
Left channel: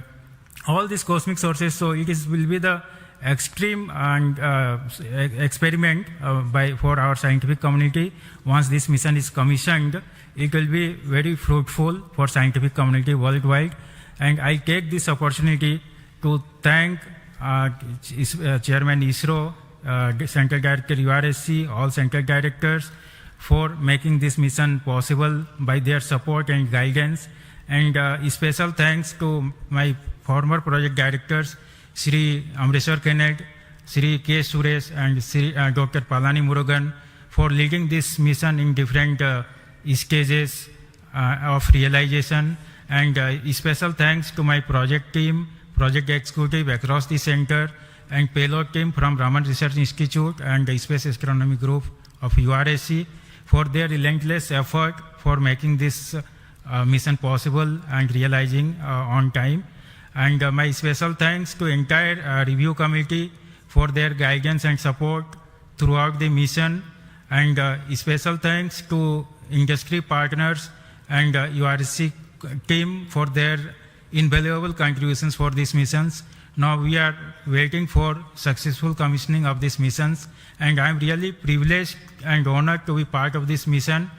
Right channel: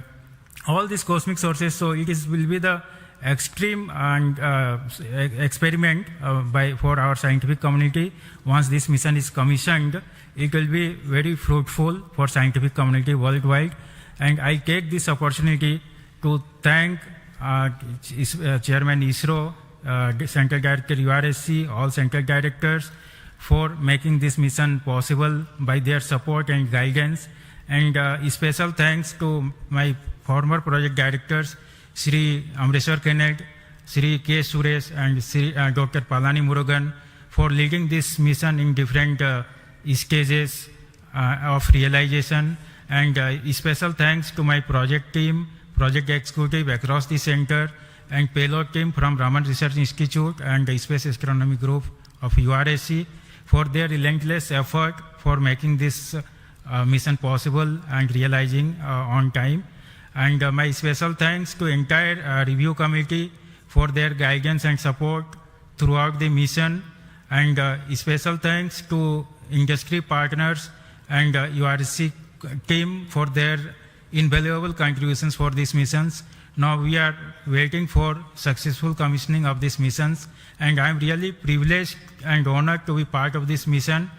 all these cosmic sources. So it will be the extreme and experiment for our scientific community. Once this mission is commissioned, it will be very fruitful for scientific community worldwide. And I take this opportunity to thank Chairman ISRO, Central Director URSC, all Central Directors for making this mission possible by their support and guidance. And special thanks to my former project directors, Shri Amreshwar Kennedy, Shri K. Suresh and Shri Dr. Palani Murugan for leading this mission in different stages of realization. And special thanks to my project team, project executive across the center, and payload team from Raman Research Institute and the Space Astronomy Group of URSC for their relentless effort for making this mission possible and realizing on time. And my special thanks to entire review committee for their guidance and support throughout the mission. And special thanks to industry partners and URSC team for their invaluable contributions for these missions. Now we are waiting for successful commissioning of these missions, and I am really privileged and honored to be part of this mission.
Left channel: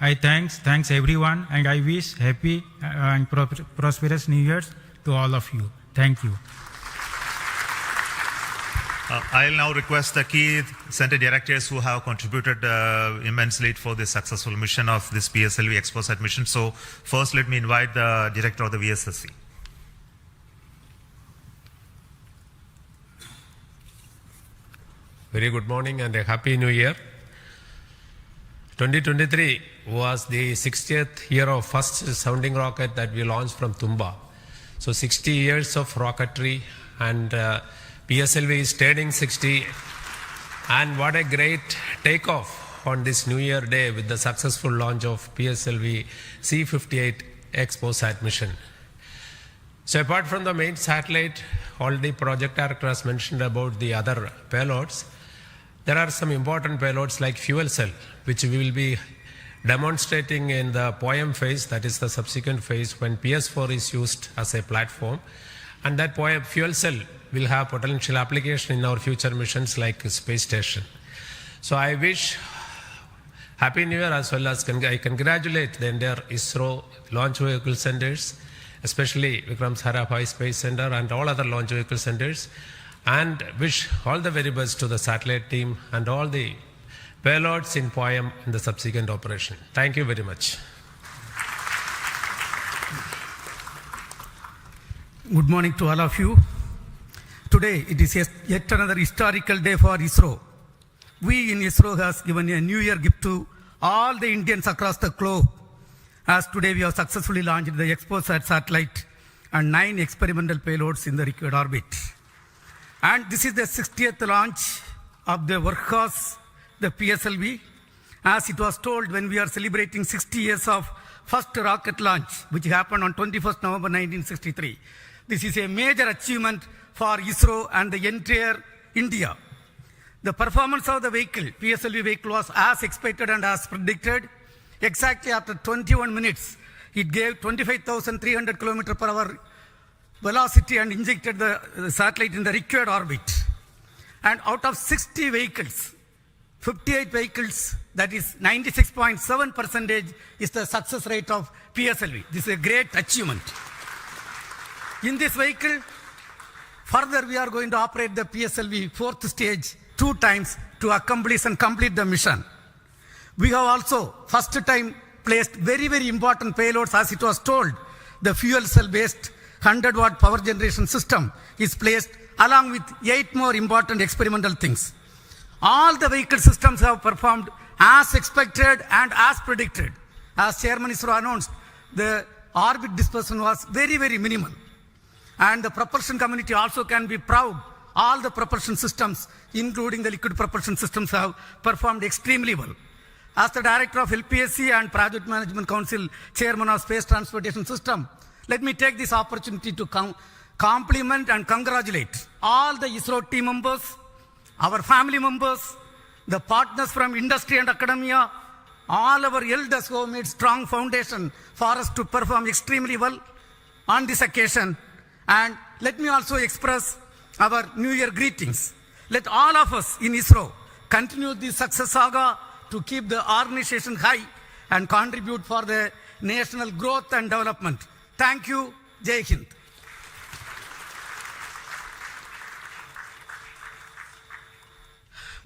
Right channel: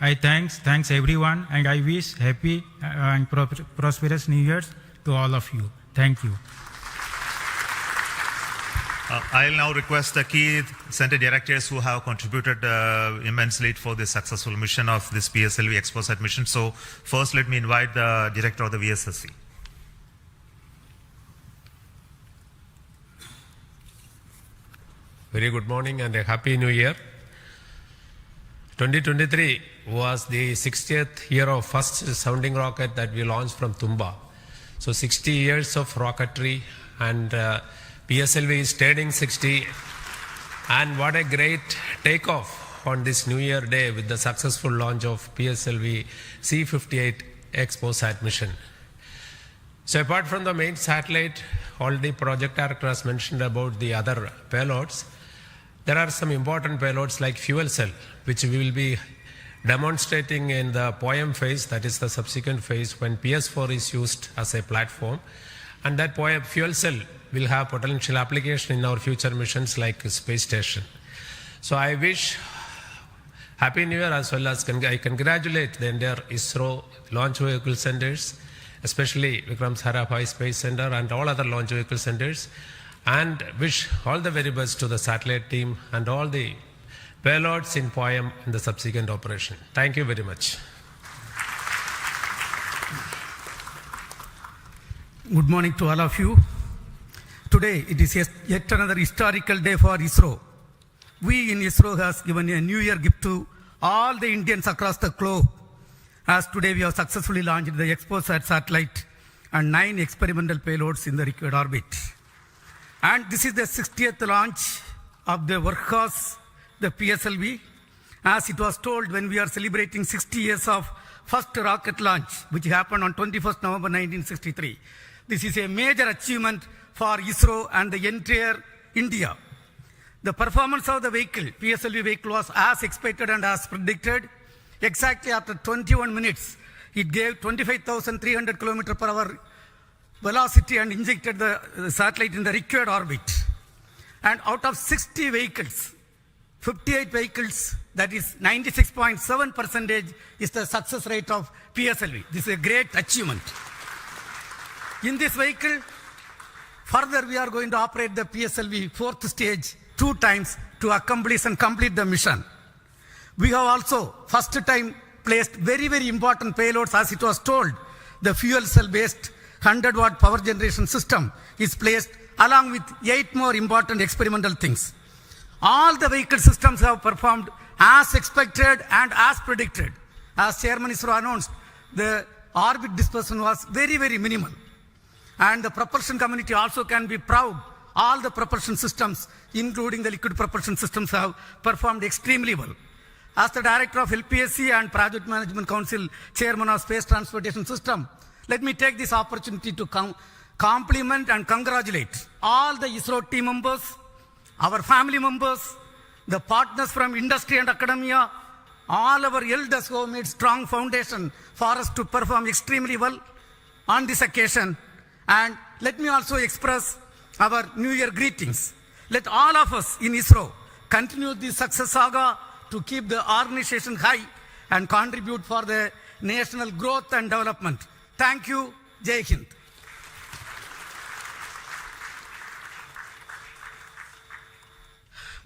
I thanks everyone, and I wish happy and prosperous New Year's to all of you. Thank you. I'll now request the key center directors who have contributed immensely for the successful mission of this PSLV XPoSat mission. So first let me invite the director of the VSSC. Very good morning and a happy new year. 2023 was the 60th year of first sounding rocket that we launched from Tumba. So 60 years of rocketry, and PSLV is turning 60. And what a great takeoff on this New Year day with the successful launch of PSLV-C58 XPoSat mission. So apart from the main satellite, already project director has mentioned about the other payloads. There are some important payloads like fuel cell, which we will be demonstrating in the POEM phase, that is the subsequent phase when PS4 is used as a platform. And that POEM fuel cell will have potential application in our future missions like space station. So I wish Happy New Year, as well as I congratulate the entire ISRO launch vehicle centers, especially Vikram Sarabhai Space Center and all other launch vehicle centers, and wish all the very best to the satellite team and all the payloads in POEM in the subsequent operation. Thank you very much. Good morning to all of you. Today it is yet another historical day for ISRO. We in ISRO has given a New Year gift to all the Indians across the globe, as today we have successfully launched the XPoSat satellite and 9 experimental payloads in the required orbit. And this is the 60th launch of the workhorse, the PSLV. As it was told when we are celebrating 60 years of first rocket launch, which happened on 21st November 1963. This is a major achievement for ISRO and the entire India. The performance of the vehicle, PSLV vehicle, was as expected and as predicted. Exactly after 21 minutes, it gave 25,300 km per hour velocity and injected the satellite in the required orbit. And out of 60 vehicles, 58 vehicles, that is 96.7% is the success rate of PSLV. This is a great achievement. In this vehicle, further we are going to operate the PSLV 4th stage 2 times to accomplish and complete the mission. We have also first time placed very, very important payloads, as it was told. The fuel cell based 100-watt power generation system is placed along with 8 more important experimental things. All the vehicle systems have performed as expected and as predicted. As Chairman ISRO announced, the orbit dispersion was very, very minimal. And the propulsion community also can be proud. All the propulsion systems, including the liquid propulsion systems, have performed extremely well. As the Director of LPSC and Project Management Council, Chairman of Space Transportation System, let me take this opportunity to compliment and congratulate all the ISRO team members, our family members, the partners from industry and academia, all our elders who have made strong foundation for us to perform extremely well on this occasion. And let me also express our New Year greetings. Let all of us in ISRO continue this success saga to keep the organization high and contribute for the national growth and development. Thank you. Jai Hind.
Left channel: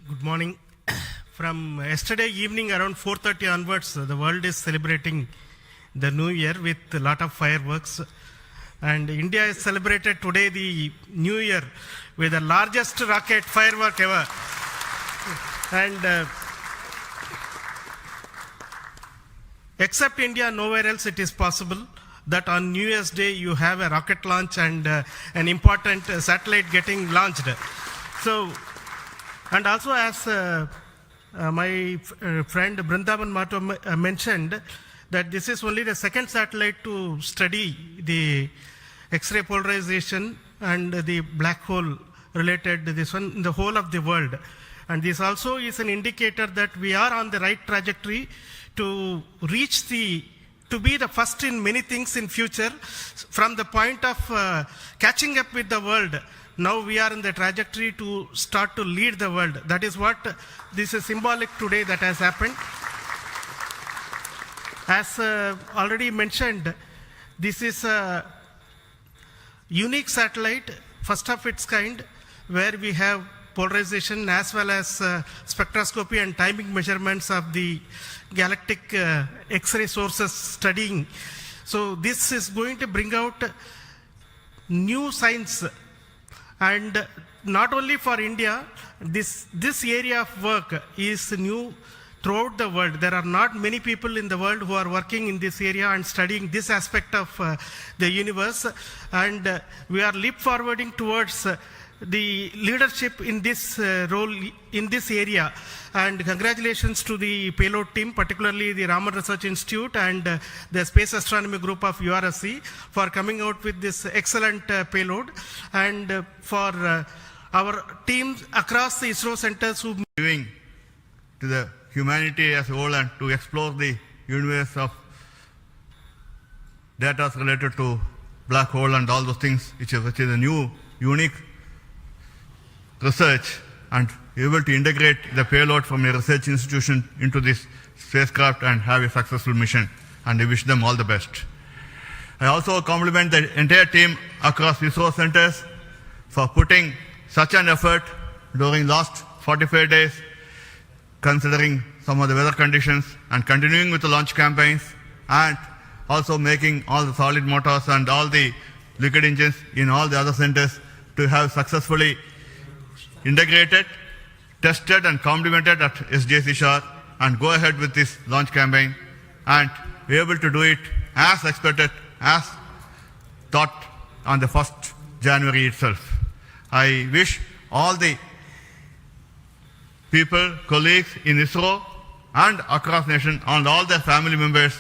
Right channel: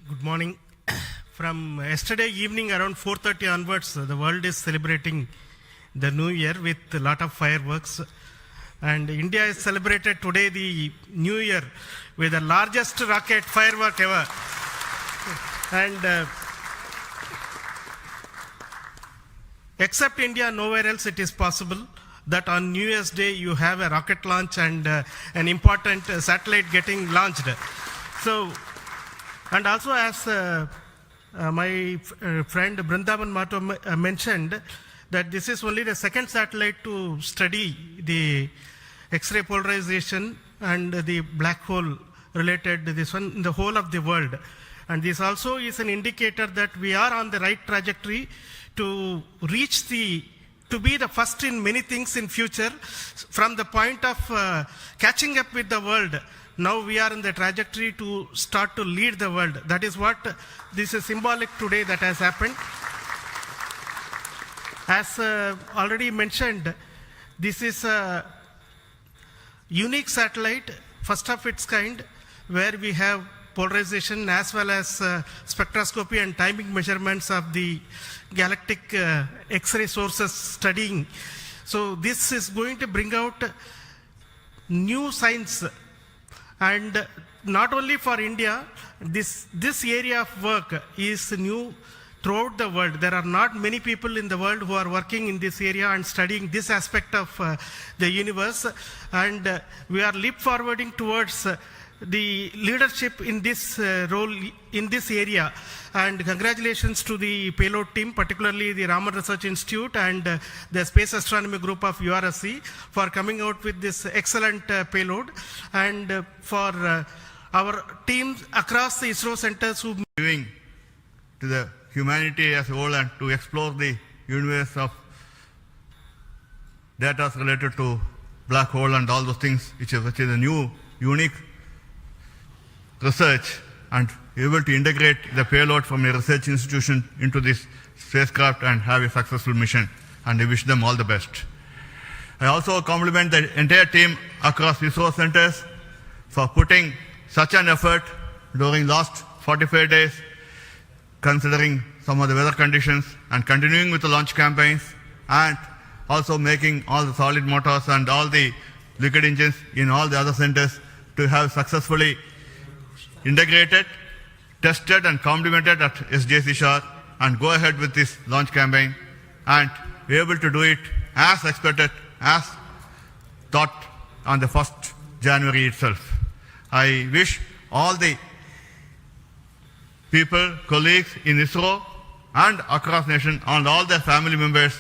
Good morning. From yesterday evening around 4:30 onwards, the world is celebrating the New Year with a lot of fireworks. And India is celebrated today the New Year with the largest rocket firework ever. And except India, nowhere else it is possible that on New Year's Day you have a rocket launch and an important satellite getting launched. So, and also as my friend Brindavan Mato mentioned, that this is only the second satellite to study the X-ray polarization and the black hole related to this one in the whole of the world. And this also is an indicator that we are on the right trajectory to reach to be the first in many things in future. From the point of catching up with the world, now we are in the trajectory to start to lead the world. That is what this is symbolic today that has happened. As already mentioned, this is a unique satellite, first of its kind, where we have polarization as well as spectroscopy and timing measurements of the galactic X-ray sources studying. So this is going to bring out new science, and not only for India, this area of work is new throughout the world. There are not many people in the world who are working in this area and studying this aspect of the universe, and we are leap forwarding towards the leadership in this role in this area. And congratulations to the payload team, particularly the Raman Research Institute and the Space Astronomy Group of URSC for coming out with this excellent payload, and for our teams across the ISRO centers who giving to the humanity as a whole and to explore the universe of data related to black hole and all those things, which is a new, unique research, and able to integrate the payload from a research institution into this spacecraft and have a successful mission. And I wish them all the best. I also compliment the entire team across ISRO centers for putting such an effort during last 45 days, considering some of the weather conditions, and continuing with the launch campaigns, and also making all the solid motors and all the liquid engines in all the other centers to have successfully integrated, tested and complemented at SDSC Shah, and go ahead with this launch campaign and be able to do it as expected, as thought on the 1st January itself. I wish all the people, colleagues in ISRO and across nation and all their family members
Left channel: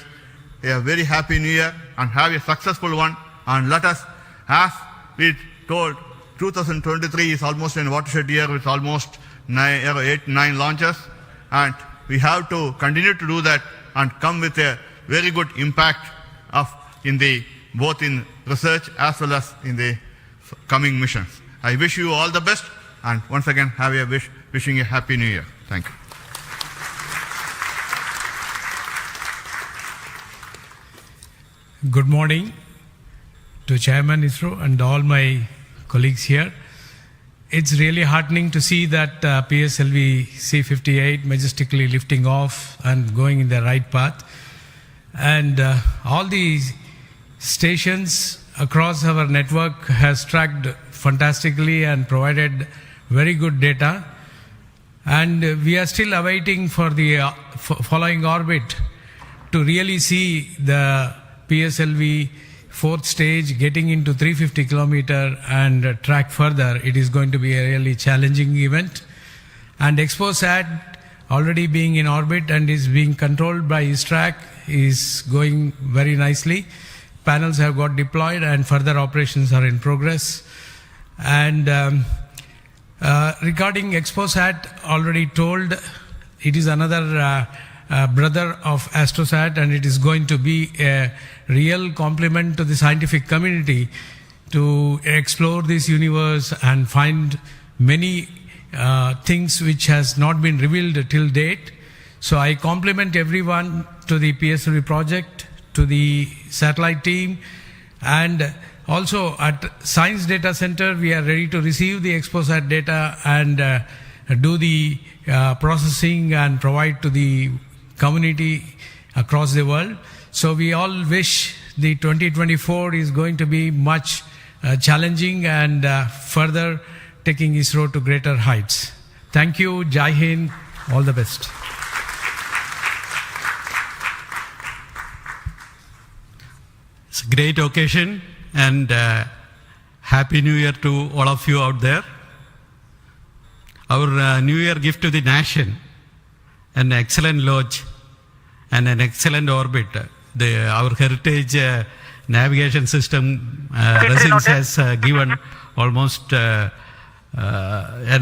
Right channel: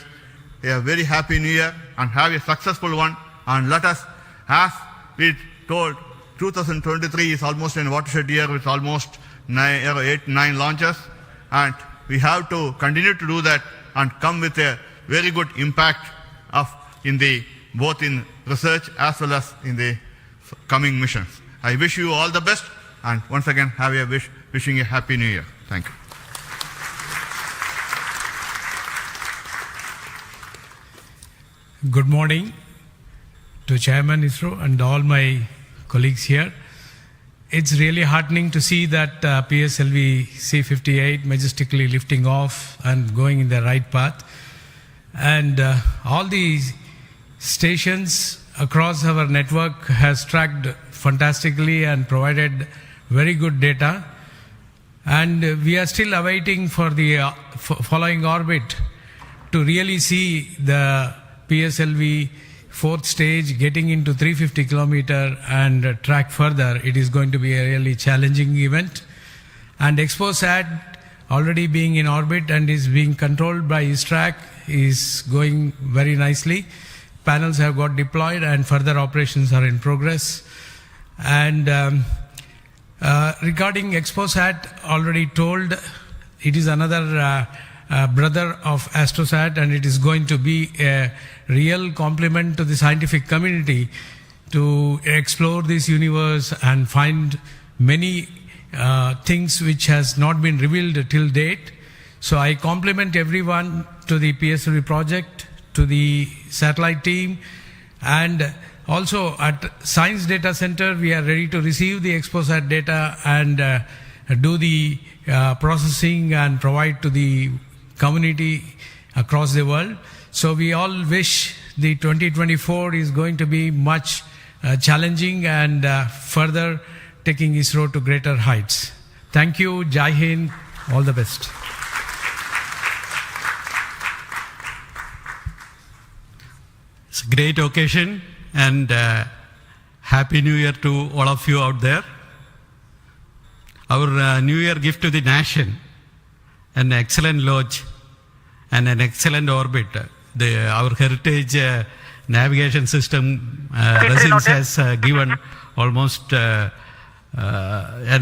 a very happy new year and have a successful one. And let us, as we told, 2023 is almost a watershed year with almost 8-9 launches, and we have to continue to do that and come with a very good impact in the both in research as well as in the coming missions. I wish you all the best, and once again wishing a happy new year. Thank you. Good morning to Chairman ISRO and all my colleagues here. It's really heartening to see that PSLV-C58 majestically lifting off and going in the right path. And all the stations across our network has tracked fantastically and provided very good data. And we are still awaiting for the following orbit to really see the PSLV fourth stage getting into 350 kilometer and track further. It is going to be a really challenging event. And XPoSat already being in orbit and is being controlled by ISRO, is going very nicely. Panels have got deployed and further operations are in progress. And regarding XPoSat, already told, it is another brother of AstroSat, and it is going to be a real compliment to the scientific community to explore this universe and find many things which has not been revealed till date. So I compliment everyone to the PSLV project, to the satellite team, and also at Science Data Center we are ready to receive the XPoSat data and do the processing and provide to the community across the world. So we all wish the 2024 is going to be much challenging and further taking ISRO to greater heights. Thank you. Jai Hind. All the best. It's a great occasion, and Happy New Year to all of you out there. Our New Year gift to the nation, an excellent launch and an excellent orbit. Our heritage navigation system Resins has given almost an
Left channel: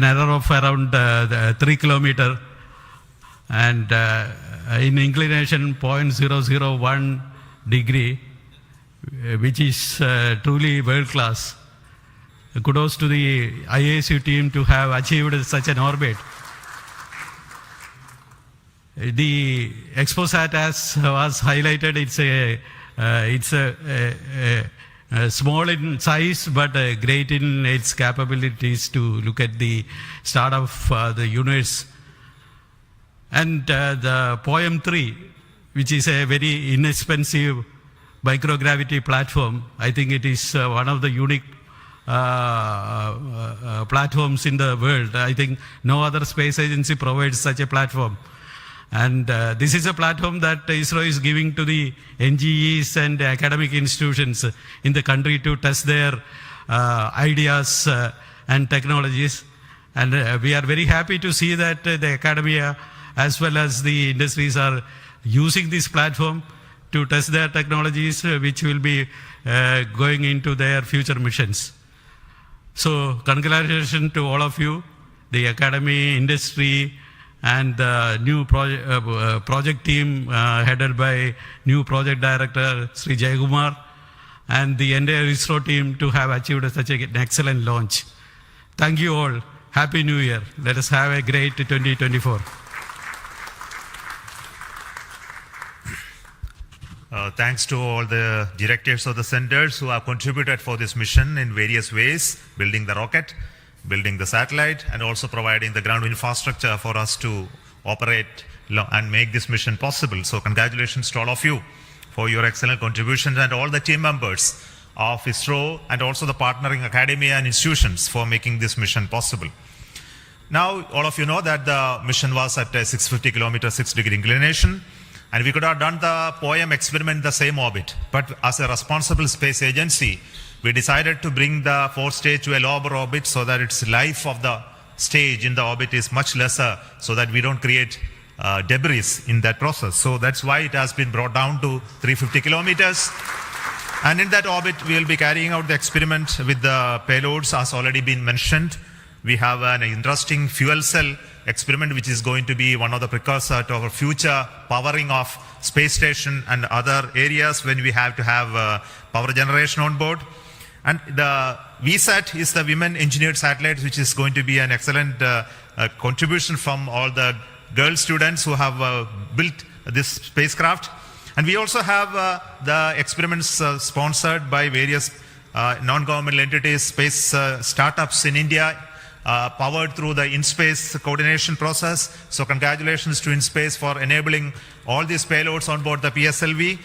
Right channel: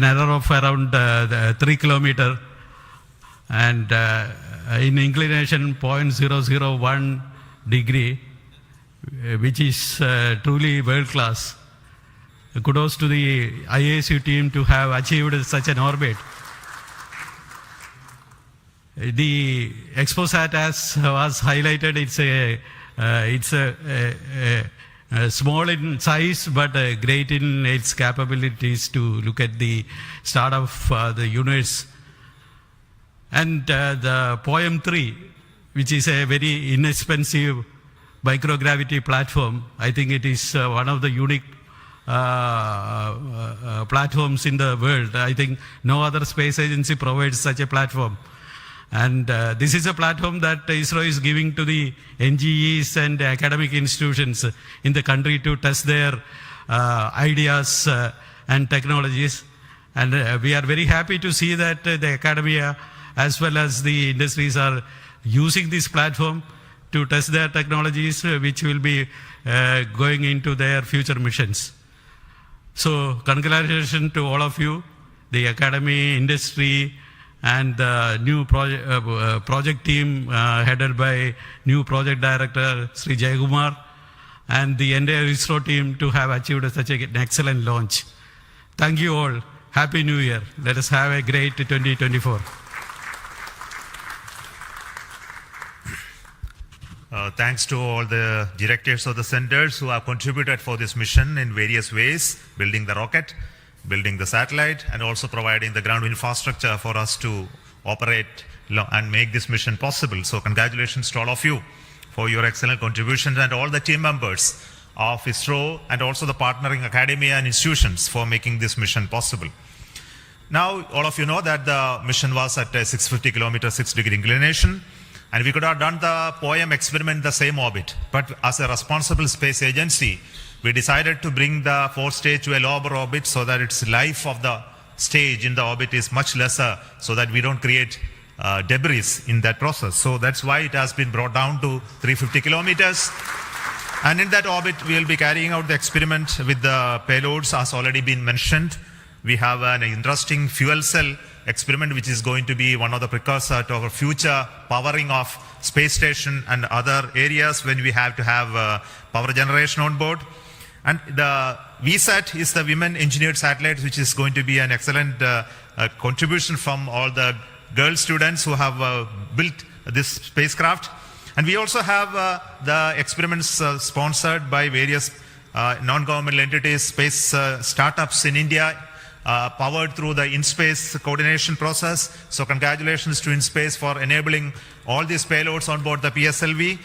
error of around 3 kilometers and in inclination 0.001 degree, which is truly world class. Kudos to the IASU team to have achieved such an orbit. The XPoSat, as was highlighted, it's a small in size but great in its capabilities to look at the start of the universe. And the POEM-3, which is a very inexpensive microgravity platform, I think it is one of the unique platforms in the world. I think no other space agency provides such a platform. And this is a platform that ISRO is giving to the NGEs and academic institutions in the country to test their ideas and technologies. And we are very happy to see that the academia as well as the industries are using this platform to test their technologies, which will be going into their future missions. So congratulations to all of you, the academy, industry, and the new project team headed by new project director Sri Jayakumar, and the entire ISRO team to have achieved such an excellent launch. Thank you all. Happy New Year. Let us have a great 2024. Thanks to all the directors of the centers who have contributed for this mission in various ways, building the rocket, building the satellite, and also providing the ground infrastructure for us to operate and make this mission possible. So congratulations to all of you for your excellent contributions, and all the team members of ISRO and also the partnering academia and institutions for making this mission possible. Now, all of you know that the mission was at a 650 kilometer, 6-degree inclination, and we could have done the POEM experiment in the same orbit. But as a responsible space agency, we decided to bring the fourth stage to a lower orbit so that its life of the stage in the orbit is much lesser, so that we don't create debris in that process. So that's why it has been brought down to 350 kilometers. And in that orbit, we will be carrying out the experiment with the payloads, as already been mentioned. We have an interesting fuel cell experiment, which is going to be one of the precursors to our future powering of space station and other areas when we have to have power generation on board. And the VSAT is the Women Engineered Satellite, which is going to be an excellent contribution from all the girl students who have built this spacecraft. And we also have the experiments sponsored by various non-governmental entities, space startups in India, powered through the in-space coordination process. So congratulations to InSpace for enabling all these payloads on board the PSLV.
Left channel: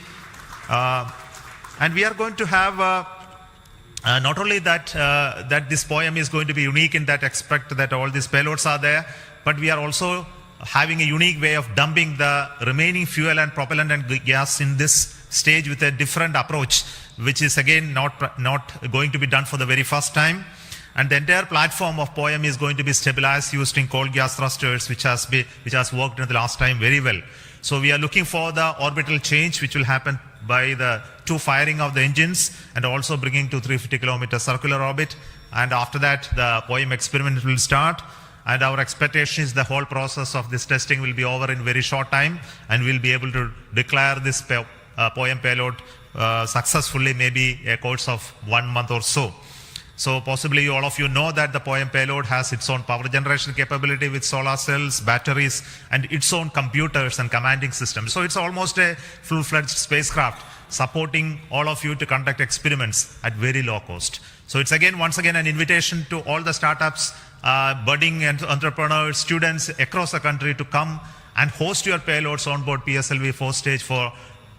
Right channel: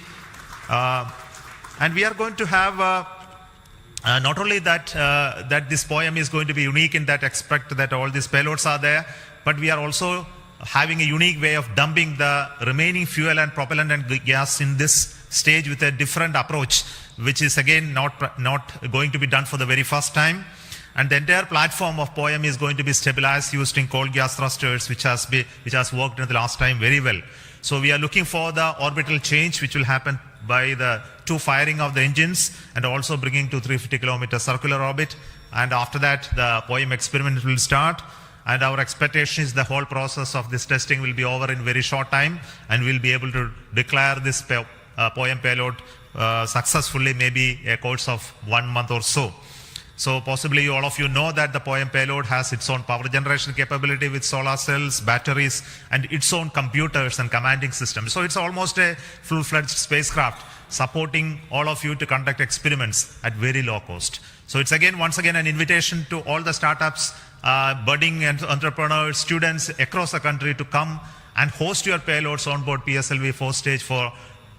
And we are going to have not only that that this POEM is going to be unique in that aspect that all these payloads are there, but we are also having a unique way of dumping the remaining fuel and propellant and gas in this stage with a different approach, which is again not going to be done for the very first time. And the entire platform of POEM is going to be stabilized using cold gas thrusters, which has worked in the last time very well. So we are looking for the orbital change, which will happen by the 2 firing of the engines and also bringing to 350 kilometer circular orbit. And after that, the POEM experiment will start. And our expectation is the whole process of this testing will be over in very short time, and we'll be able to declare this POEM payload successfully, maybe a course of 1 month or so. So possibly all of you know that the POEM payload has its own power generation capability with solar cells, batteries, and its own computers and commanding systems. So it's almost a full-fledged spacecraft supporting all of you to conduct experiments at very low cost. So it's once again an invitation to all the startups, budding entrepreneurs, students across the country to come and host your payloads on board PSLV 4 stage for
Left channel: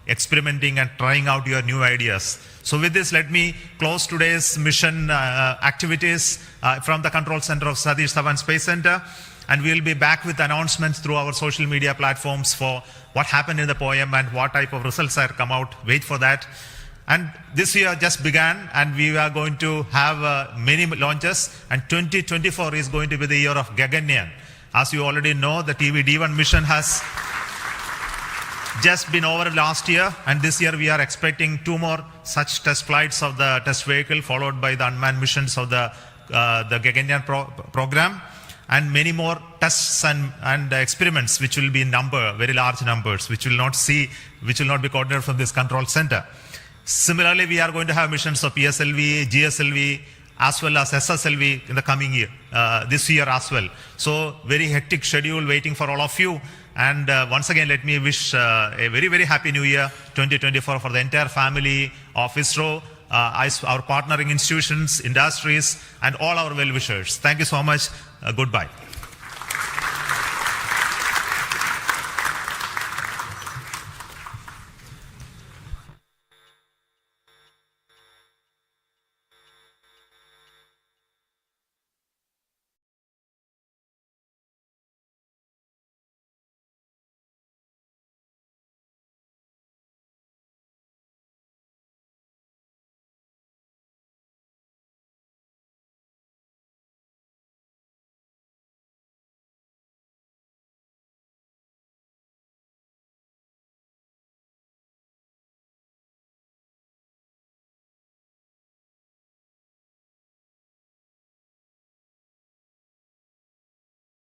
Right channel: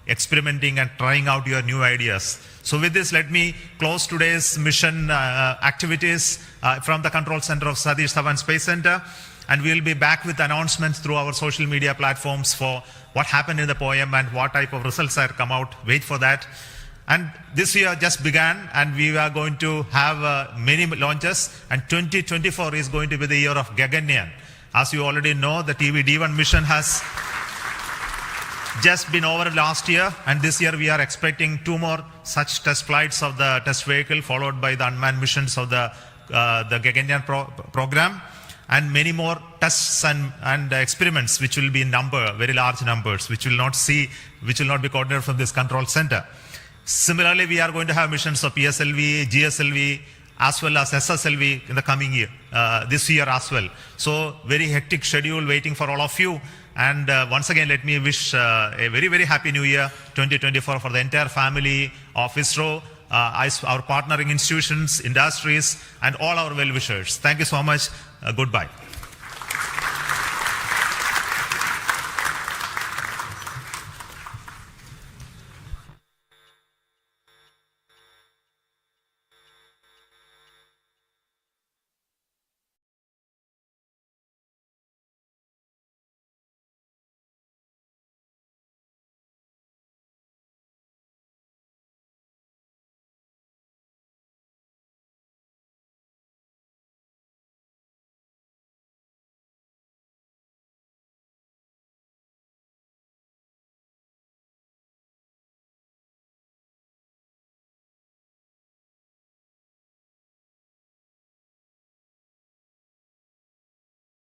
experimenting and trying out your new ideas. So with this, let me close today's mission activities from the control center of Satish Dhawan Space Center. And we'll be back with announcements through our social media platforms for what happened in the POEM and what type of results are come out. Wait for that. And this year just began, and we are going to have many launches, and 2024 is going to be the year of Gaganyaan. As you already know, the TV-D1 mission has just been over last year, and this year we are expecting 2 more such test flights of the test vehicle, followed by the unmanned missions of the Gaganyaan program, and many more tests and experiments, which will be in very large numbers, which will not be coordinated from this control center. Similarly, we are going to have missions of PSLV, GSLV, as well as SSLV in the coming year, this year as well. So very hectic schedule waiting for all of you. And once again, let me wish a very, very happy new year 2024 for the entire family of ISRO, our partnering institutions, industries, and all our well-wishers. Thank you so much. Goodbye.